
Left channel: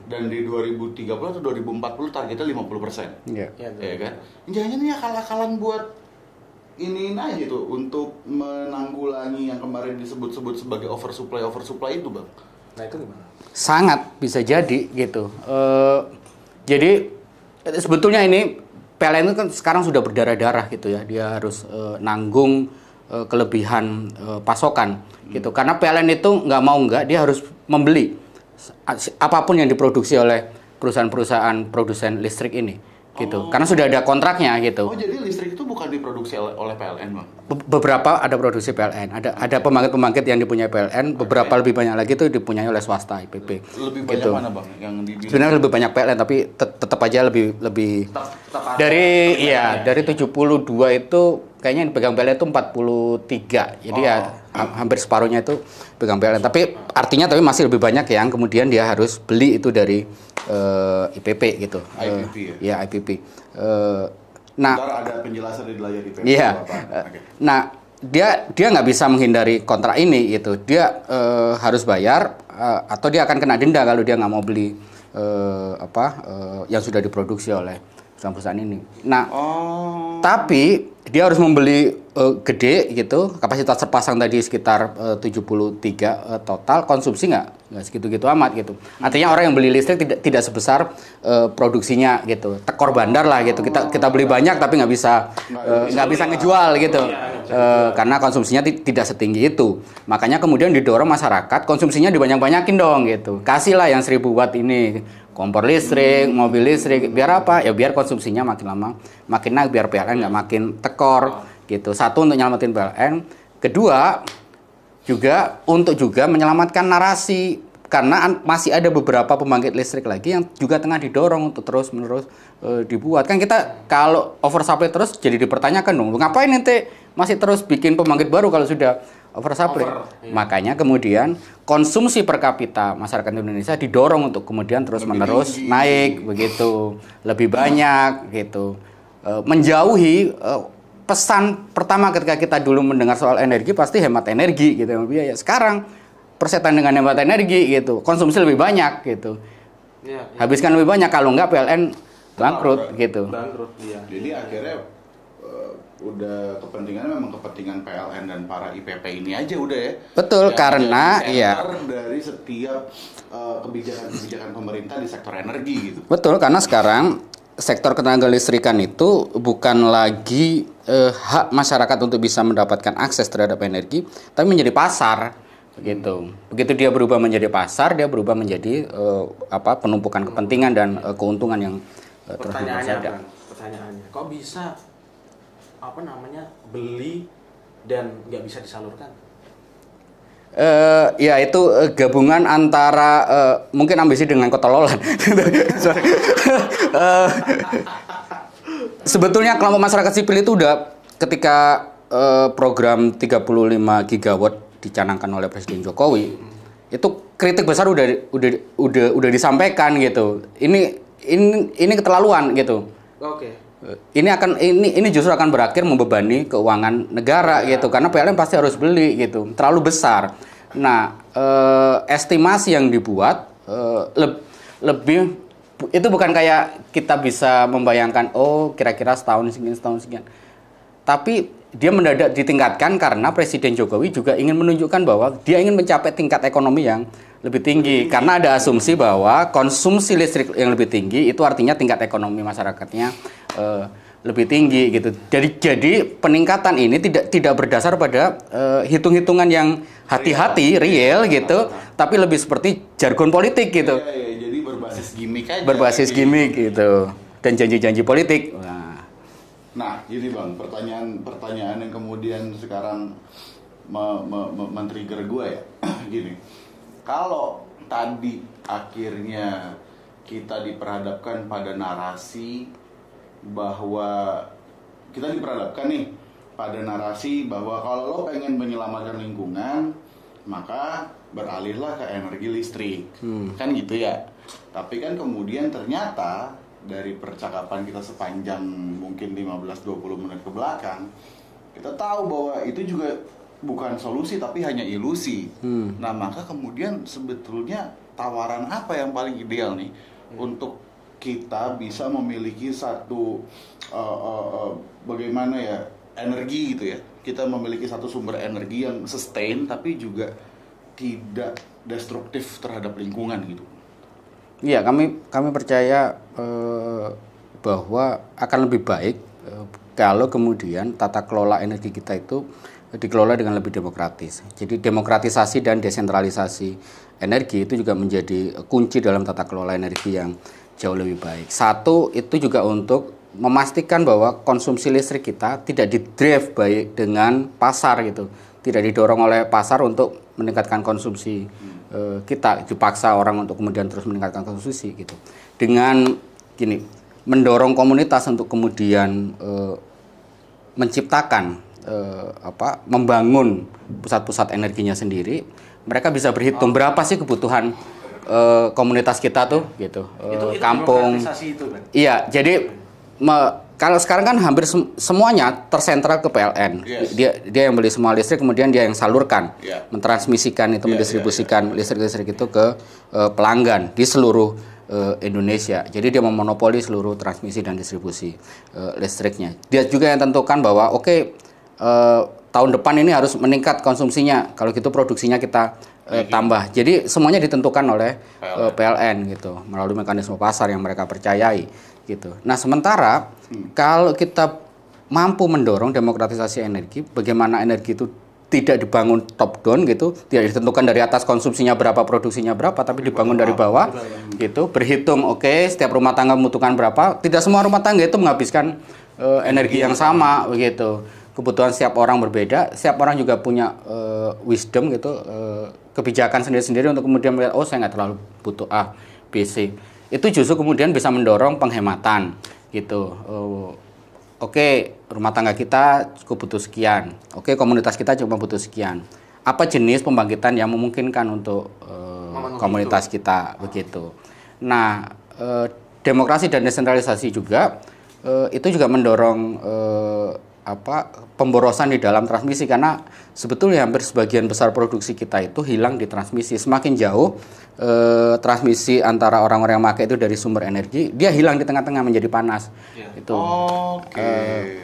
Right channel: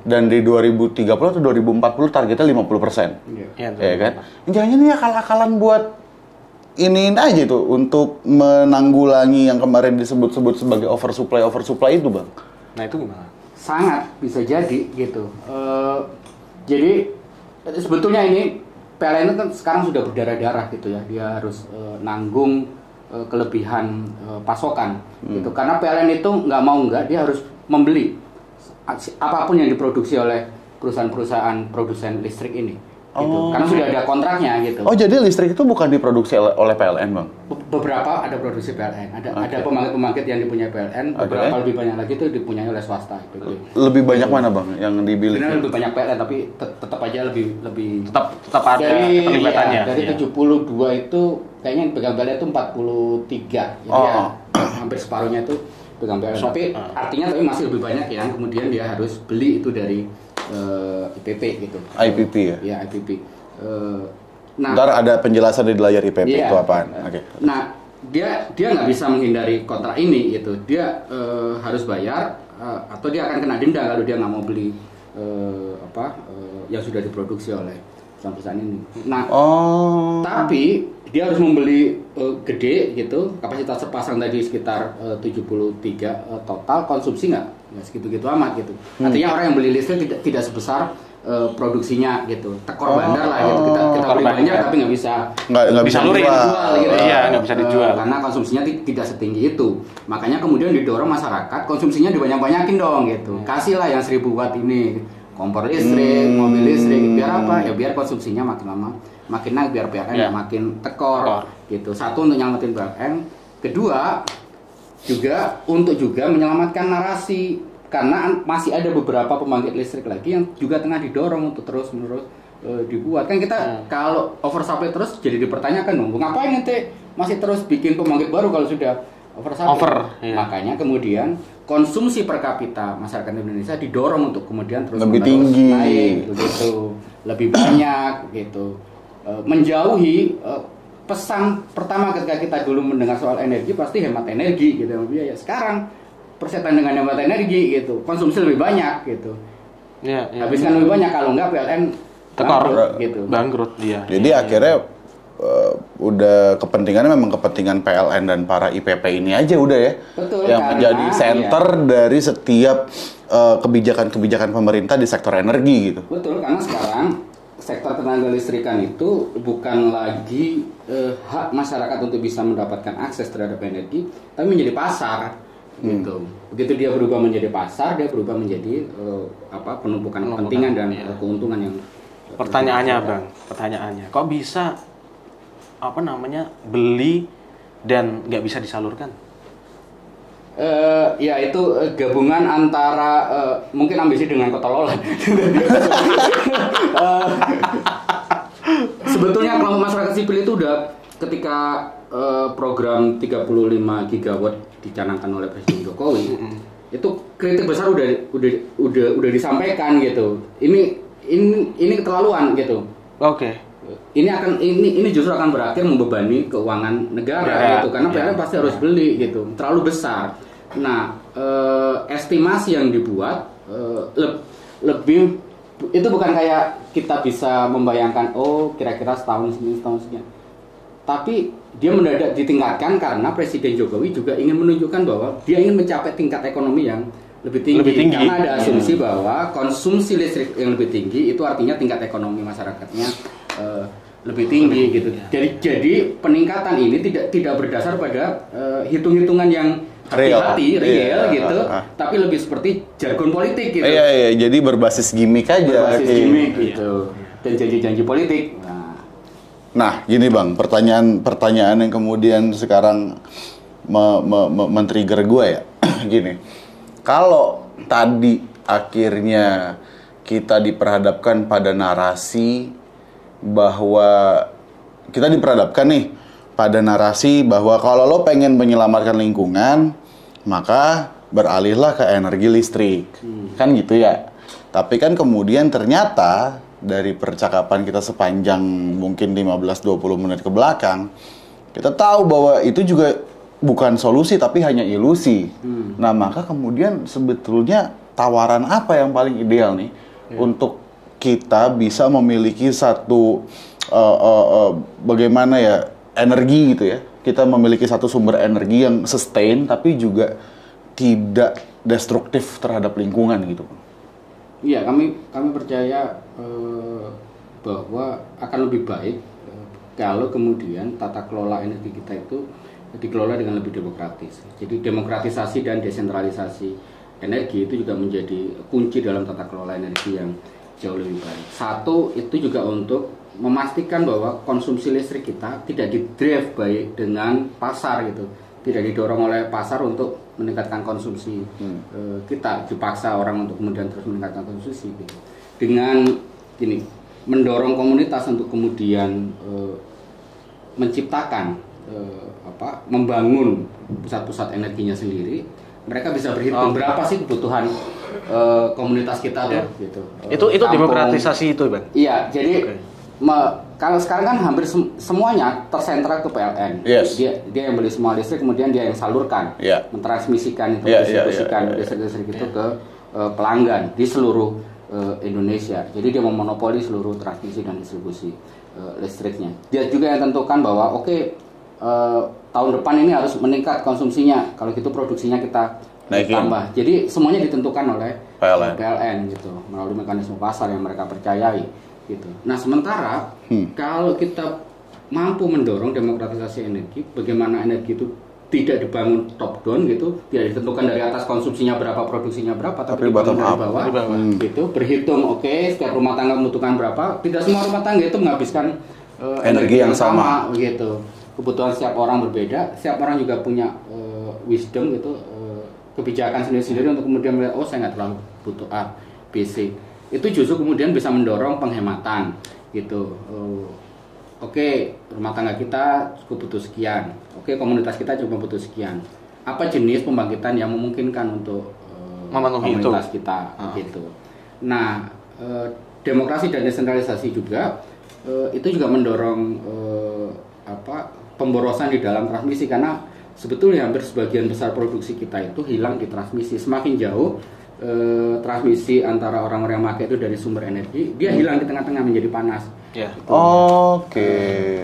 Dan di 2030 atau 2040 targetnya 50%. Iya. Ya kan? Jangan ini akal-akalan buat iniin aja tuh untuk menanggulangi yang kemarin disebut-sebut sebagai oversupply itu, Bang. Nah, itu gimana? Sangat bisa jadi gitu. Jadi sebetulnya ini PLN itu kan sekarang sudah berdarah-darah gitu ya. Dia harus nanggung kelebihan pasokan gitu. Karena PLN itu nggak dia harus membeli apapun yang diproduksi oleh perusahaan-perusahaan produsen listrik ini. Gitu. Karena sudah ada kontraknya gitu. Oh, jadi listrik itu bukan diproduksi oleh PLN, Bang? Beberapa ada produksi PLN. Ada pembangkit-pembangkit yang dipunyai PLN, beberapa lebih banyak lagi itu dipunyai oleh swasta IPP. Lebih banyak gitu. mana, Bang, yang dibilang? Sebenarnya lebih banyak PLN tapi tetap aja lebih tetap ada dari 72 itu kayaknya yang pegang PLN itu 43. Jadi ya hampir separuhnya itu pegang PLN. Tapi artinya masih lebih banyak yang kemudian dia harus beli itu dari IPP gitu. IPP ya? Ya, IPP. Nah, ntar ada penjelasan di layar IPP itu apaan. Okay. Nah, dia nggak bisa menghindari kontrak ini gitu. Dia harus bayar atau dia akan kena denda kalau dia nggak mau beli yang sudah diproduksi oleh perusahaan ini. Nah, tapi dia harus membeli gede gitu. Kapasitas terpasang tadi sekitar 73 total, konsumsi nggak segitu-gitu amat gitu. Artinya orang yang beli listrik tidak sebesar produksinya gitu. Tekor bandar lah gitu. Kita beli banyak tapi nggak bisa dijual gitu. Iya, nggak bisa dijual. Karena konsumsinya tidak setinggi itu. Makanya kemudian didorong masyarakat konsumsinya dibanyak-banyakin dong gitu. Kasihlah yang 1000 watt ini kompor listrik, mobil listrik, biar apa? Ya biar konsumsinya makin lama makin naik, biar PLN nggak makin tekor gitu. Satu, untuk nyelamatin PLN. Kedua, juga untuk menyelamatkan narasi, karena masih ada beberapa pembangkit listrik lagi yang juga tengah didorong untuk terus-menerus dibuat. Kan kita kalau oversupply terus jadi dipertanyakan dong, ngapain ente masih terus bikin pembangkit baru kalau sudah oversupply? Makanya kemudian konsumsi per kapita masyarakat Indonesia didorong untuk kemudian terus-menerus naik begitu, lebih banyak gitu. Menjauhi pesan pertama ketika kita dulu mendengar soal energi pasti hemat energi gitu ya. Sekarang persetan dengan hemat energi gitu, konsumsi lebih banyak gitu. Habiskan lebih banyak, kalau enggak PLN bangkrut gitu. Bangkrut dia. Jadi akhirnya udah kepentingannya memang kepentingan PLN dan para IPP ini aja udah ya. Betul, yang karena menjadi center dari setiap kebijakan-kebijakan pemerintah di sektor energi gitu. Betul, karena sekarang sektor ketenaga listrikan itu bukan lagi hak masyarakat untuk bisa mendapatkan akses terhadap energi, tapi menjadi pasar gitu. Begitu dia berubah menjadi pasar, dia berubah menjadi penumpukan kepentingan dan keuntungan yang pertanyaannya, kok bisa beli dan nggak bisa disalurkan? Ya itu gabungan antara mungkin ambisi dengan ketololan. Sebetulnya kelompok masyarakat sipil itu udah ketika program 35 gigawatt dicanangkan oleh Presiden Jokowi, itu kritik besar udah disampaikan gitu. Ini keterlaluan gitu. Oke. Ini justru akan berakhir membebani keuangan negara gitu, karena PLN pasti harus beli gitu, terlalu besar. Nah, estimasi yang dibuat lebih itu bukan kayak kita bisa membayangkan kira-kira setahun sekian. tapi dia mendadak ditingkatkan karena Presiden Jokowi juga ingin menunjukkan bahwa dia ingin mencapai tingkat ekonomi yang lebih tinggi. Karena ada asumsi bahwa konsumsi listrik yang lebih tinggi itu artinya tingkat ekonomi masyarakatnya lebih tinggi gitu. Jadi peningkatan ini tidak berdasar pada hitung-hitungan yang hati-hati real gitu, tapi lebih seperti jargon politik gitu. Iya, jadi berbasis gimmick aja. Berbasis gimmick gitu dan janji-janji politik. Nah, gini Bang, pertanyaan yang kemudian sekarang men-trigger gue ya. Gini. Kalau tadi akhirnya kita diperhadapkan pada narasi bahwa kita diperhadapkan nih pada narasi bahwa kalau lo pengen menyelamatkan lingkungan, maka beralihlah ke energi listrik. Kan gitu ya. Tapi kan kemudian ternyata dari percakapan kita sepanjang mungkin 15-20 menit ke belakang, kita tahu bahwa itu juga bukan solusi tapi hanya ilusi. Nah, maka kemudian sebetulnya tawaran apa yang paling ideal nih untuk kita bisa memiliki satu bagaimana ya energi gitu ya. Kita memiliki satu sumber energi yang sustain tapi juga tidak destruktif terhadap lingkungan gitu. Iya, kami percaya bahwa akan lebih baik kalau kemudian tata kelola energi kita itu dikelola dengan lebih demokratis. Jadi demokratisasi dan desentralisasi energi itu juga menjadi kunci dalam tata kelola energi yang jauh lebih baik. Satu, itu juga untuk memastikan bahwa konsumsi listrik kita tidak di-drive baik dengan pasar gitu. Tidak didorong oleh pasar untuk meningkatkan konsumsi kita, dipaksa orang untuk kemudian terus meningkatkan konsumsi gitu. Dengan gini, mendorong komunitas untuk kemudian menciptakan membangun pusat-pusat energinya sendiri. Mereka bisa berhitung berapa sih kebutuhan komunitas kita tuh gitu. Itu demokratisasi itu, Bang. Iya, jadi kalau sekarang kan hampir semuanya tersentral ke PLN. Yes. Dia yang beli semua listrik, kemudian dia yang salurkan, mentransmisikan itu, mendistribusikan listrik itu ke pelanggan di seluruh Indonesia. Jadi dia memonopoli seluruh transmisi dan distribusi listriknya. Dia juga yang tentukan bahwa tahun depan ini harus meningkat konsumsinya. Kalau gitu produksinya kita tambah. Jadi semuanya ditentukan oleh PLN gitu, melalui mekanisme pasar yang mereka percayai gitu. Nah, sementara kalau kita mampu mendorong demokratisasi energi, bagaimana energi itu tidak dibangun top down gitu, tidak ditentukan dari atas konsumsinya berapa, produksinya berapa, tapi dibangun dari bawah gitu, berhitung setiap rumah tangga membutuhkan berapa. Tidak semua rumah tangga itu menghabiskan energi yang sama begitu. Kebutuhan setiap orang berbeda, setiap orang juga punya wisdom gitu, kebijakan sendiri-sendiri untuk kemudian melihat, saya nggak terlalu butuh A, B, C. Itu justru kemudian bisa mendorong penghematan gitu. Rumah tangga kita cukup butuh sekian. Komunitas kita cuma butuh sekian. Apa jenis pembangkitan yang memungkinkan untuk komunitas kita begitu. Nah, demokrasi dan desentralisasi juga itu juga mendorong pemborosan di dalam transmisi, karena sebetulnya hampir sebagian besar produksi kita itu hilang di transmisi. Semakin jauh transmisi antara orang-orang yang pakai itu dari sumber energi, dia hilang di tengah-tengah menjadi panas. Gitu.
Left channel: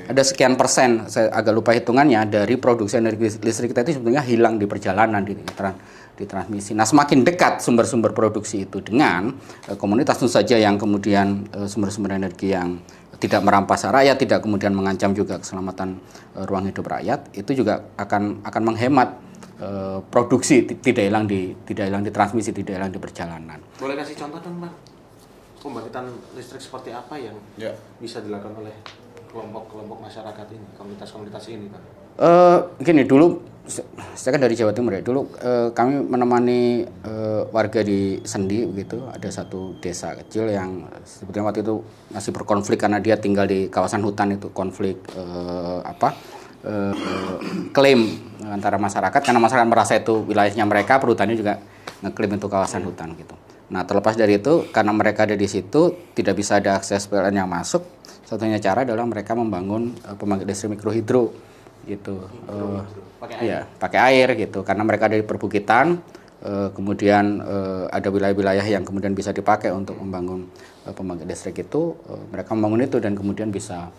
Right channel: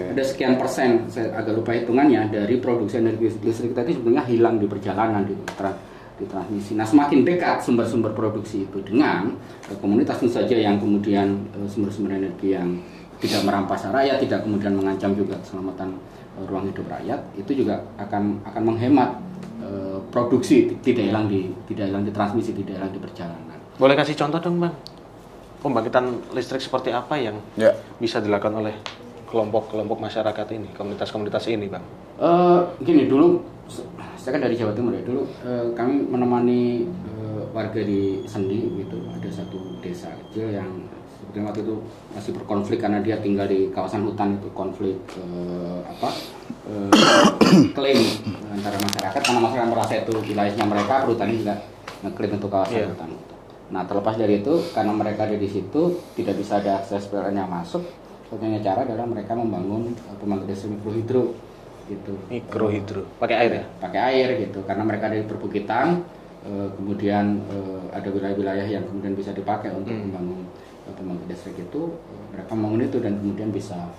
Ada sekian persen, saya agak lupa hitungannya, dari produksi energi listrik kita itu sebenarnya hilang di perjalanan di transmisi. Nah, semakin dekat sumber-sumber produksi itu dengan komunitas tentu saja yang kemudian sumber-sumber energi yang tidak merampas rakyat, tidak kemudian mengancam juga keselamatan ruang hidup rakyat, itu juga akan menghemat produksi, tidak hilang di transmisi, tidak hilang di perjalanan. Boleh kasih contoh dong, Bang? Pembangkitan listrik seperti apa yang bisa dilakukan oleh kelompok-kelompok masyarakat ini, komunitas-komunitas ini, Bang? Gini, dulu saya kan dari Jawa Timur ya. Dulu kami menemani warga di Sendi gitu. Ada satu desa kecil yang sebetulnya waktu itu masih berkonflik karena dia tinggal di kawasan hutan, itu konflik klaim antara masyarakat, karena masyarakat merasa itu wilayahnya mereka, perhutani juga ngeklaim itu kawasan hutan gitu. Nah, terlepas dari itu, karena mereka ada di situ, tidak bisa ada akses PLN yang masuk. Satunya cara adalah mereka membangun pembangkit listrik mikrohidro gitu. Mikrohidro, pakai air? Ya, pakai air gitu, karena mereka ada di perbukitan. Kemudian ada wilayah-wilayah yang kemudian bisa dipakai untuk membangun pembangkit listrik itu. Mereka membangun itu dan kemudian bisa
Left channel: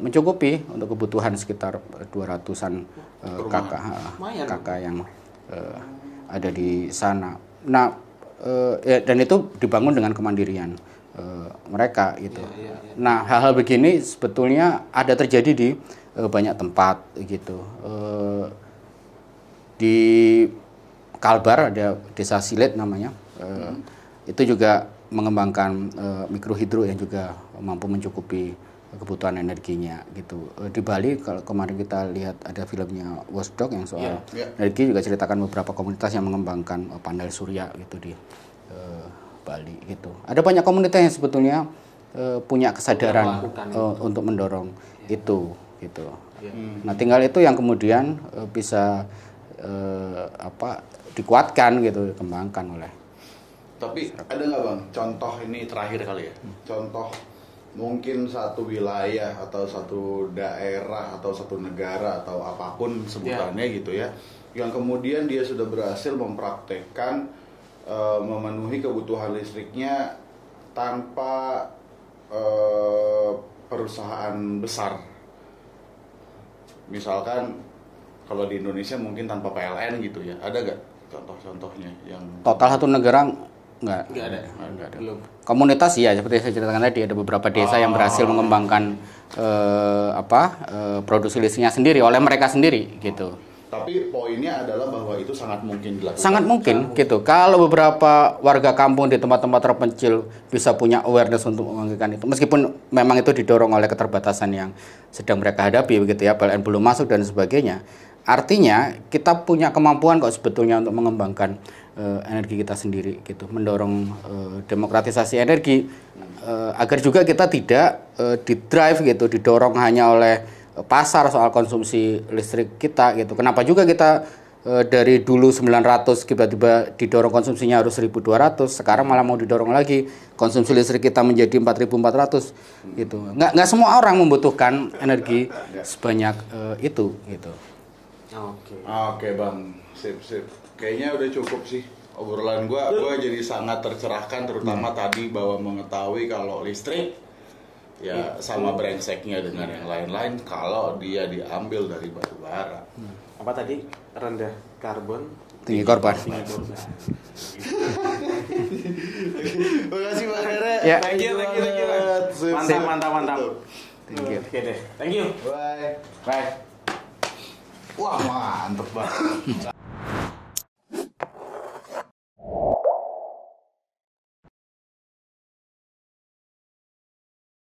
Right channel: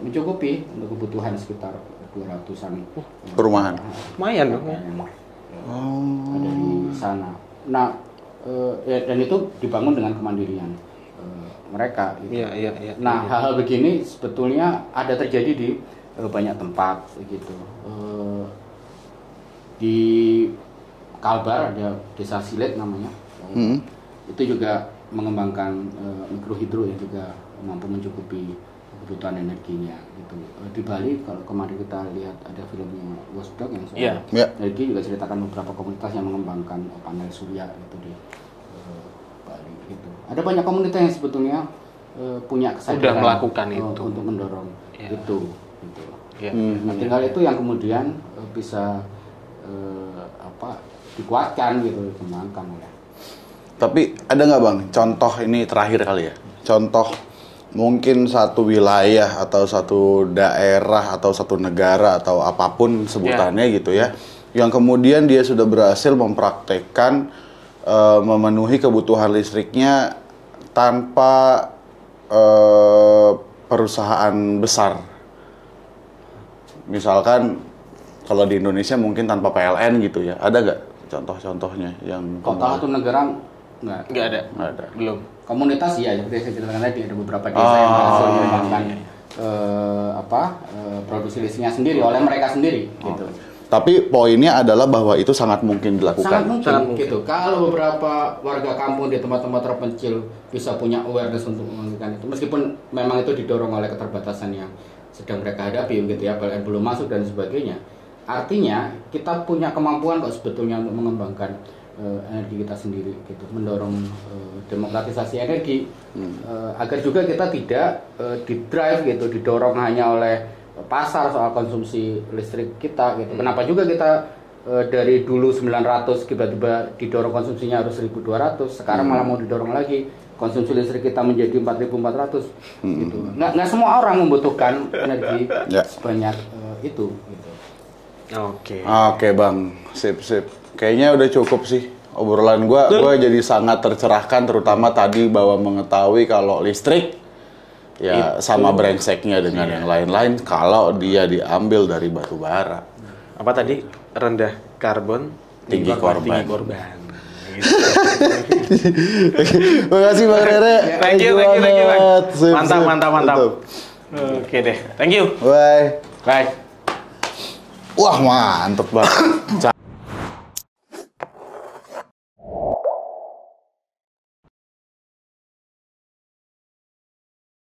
mencukupi untuk kebutuhan sekitar 200-an perumahan. Lumayan yang ada di sana. Nah, dan itu dibangun dengan kemandirian mereka gitu. Nah, hal-hal begini sebetulnya ada terjadi di banyak tempat gitu. Di Kalbar ada desa Silet namanya. Itu juga mengembangkan mikrohidro yang juga mampu mencukupi kebutuhan energinya gitu. Di Bali kalau kemarin kita lihat ada filmnya Watchdog yang soal energi juga ceritakan beberapa komunitas yang mengembangkan panel surya gitu di Bali gitu. Ada banyak komunitas yang sebetulnya punya kesadaran melakukan itu untuk mendorong itu gitu. Nah, tinggal itu yang kemudian bisa dikuatkan gitu, dikembangkan oleh. Tapi ada nggak Bang, contoh ini terakhir kali ya, contoh mungkin satu wilayah atau satu daerah atau satu negara atau apapun sebutannya gitu ya, yang kemudian dia sudah berhasil mempraktekkan memenuhi kebutuhan listriknya tanpa perusahaan besar. Misalkan kalau di Indonesia mungkin tanpa PLN gitu ya, ada nggak contoh-contohnya yang total satu negara nggak ada, belum. Komunitas ya seperti saya ceritakan tadi, ada beberapa desa yang berhasil mengembangkan produksi listriknya sendiri oleh mereka sendiri gitu. Tapi poinnya adalah bahwa itu sangat mungkin dilakukan. Sangat mungkin gitu. Kalau beberapa warga kampung di tempat-tempat terpencil bisa punya awareness untuk melakukan itu, meskipun memang itu didorong oleh keterbatasan yang sedang mereka hadapi begitu ya, PLN belum masuk dan sebagainya. Artinya kita punya kemampuan kok sebetulnya untuk mengembangkan energi kita sendiri gitu, mendorong demokratisasi energi agar juga kita tidak didrive gitu, didorong hanya oleh pasar soal konsumsi listrik kita gitu. Kenapa juga kita dari dulu 900 tiba-tiba didorong konsumsinya harus 1.200, sekarang malah mau didorong lagi konsumsi listrik kita menjadi 4.400 gitu. Nggak semua orang membutuhkan energi sebanyak itu gitu. Oke Bang, sip. Kayaknya udah cukup sih obrolan gua jadi sangat tercerahkan, terutama tadi bahwa mengetahui kalau listrik ya sama brengseknya dengan yang lain-lain kalau dia diambil dari batu bara. Apa tadi? Rendah karbon, tinggi korban. Terima kasih Bang Rere. Thank you. Mantap. Oke deh, thank you. Bye. Bye. Wah, mantep banget.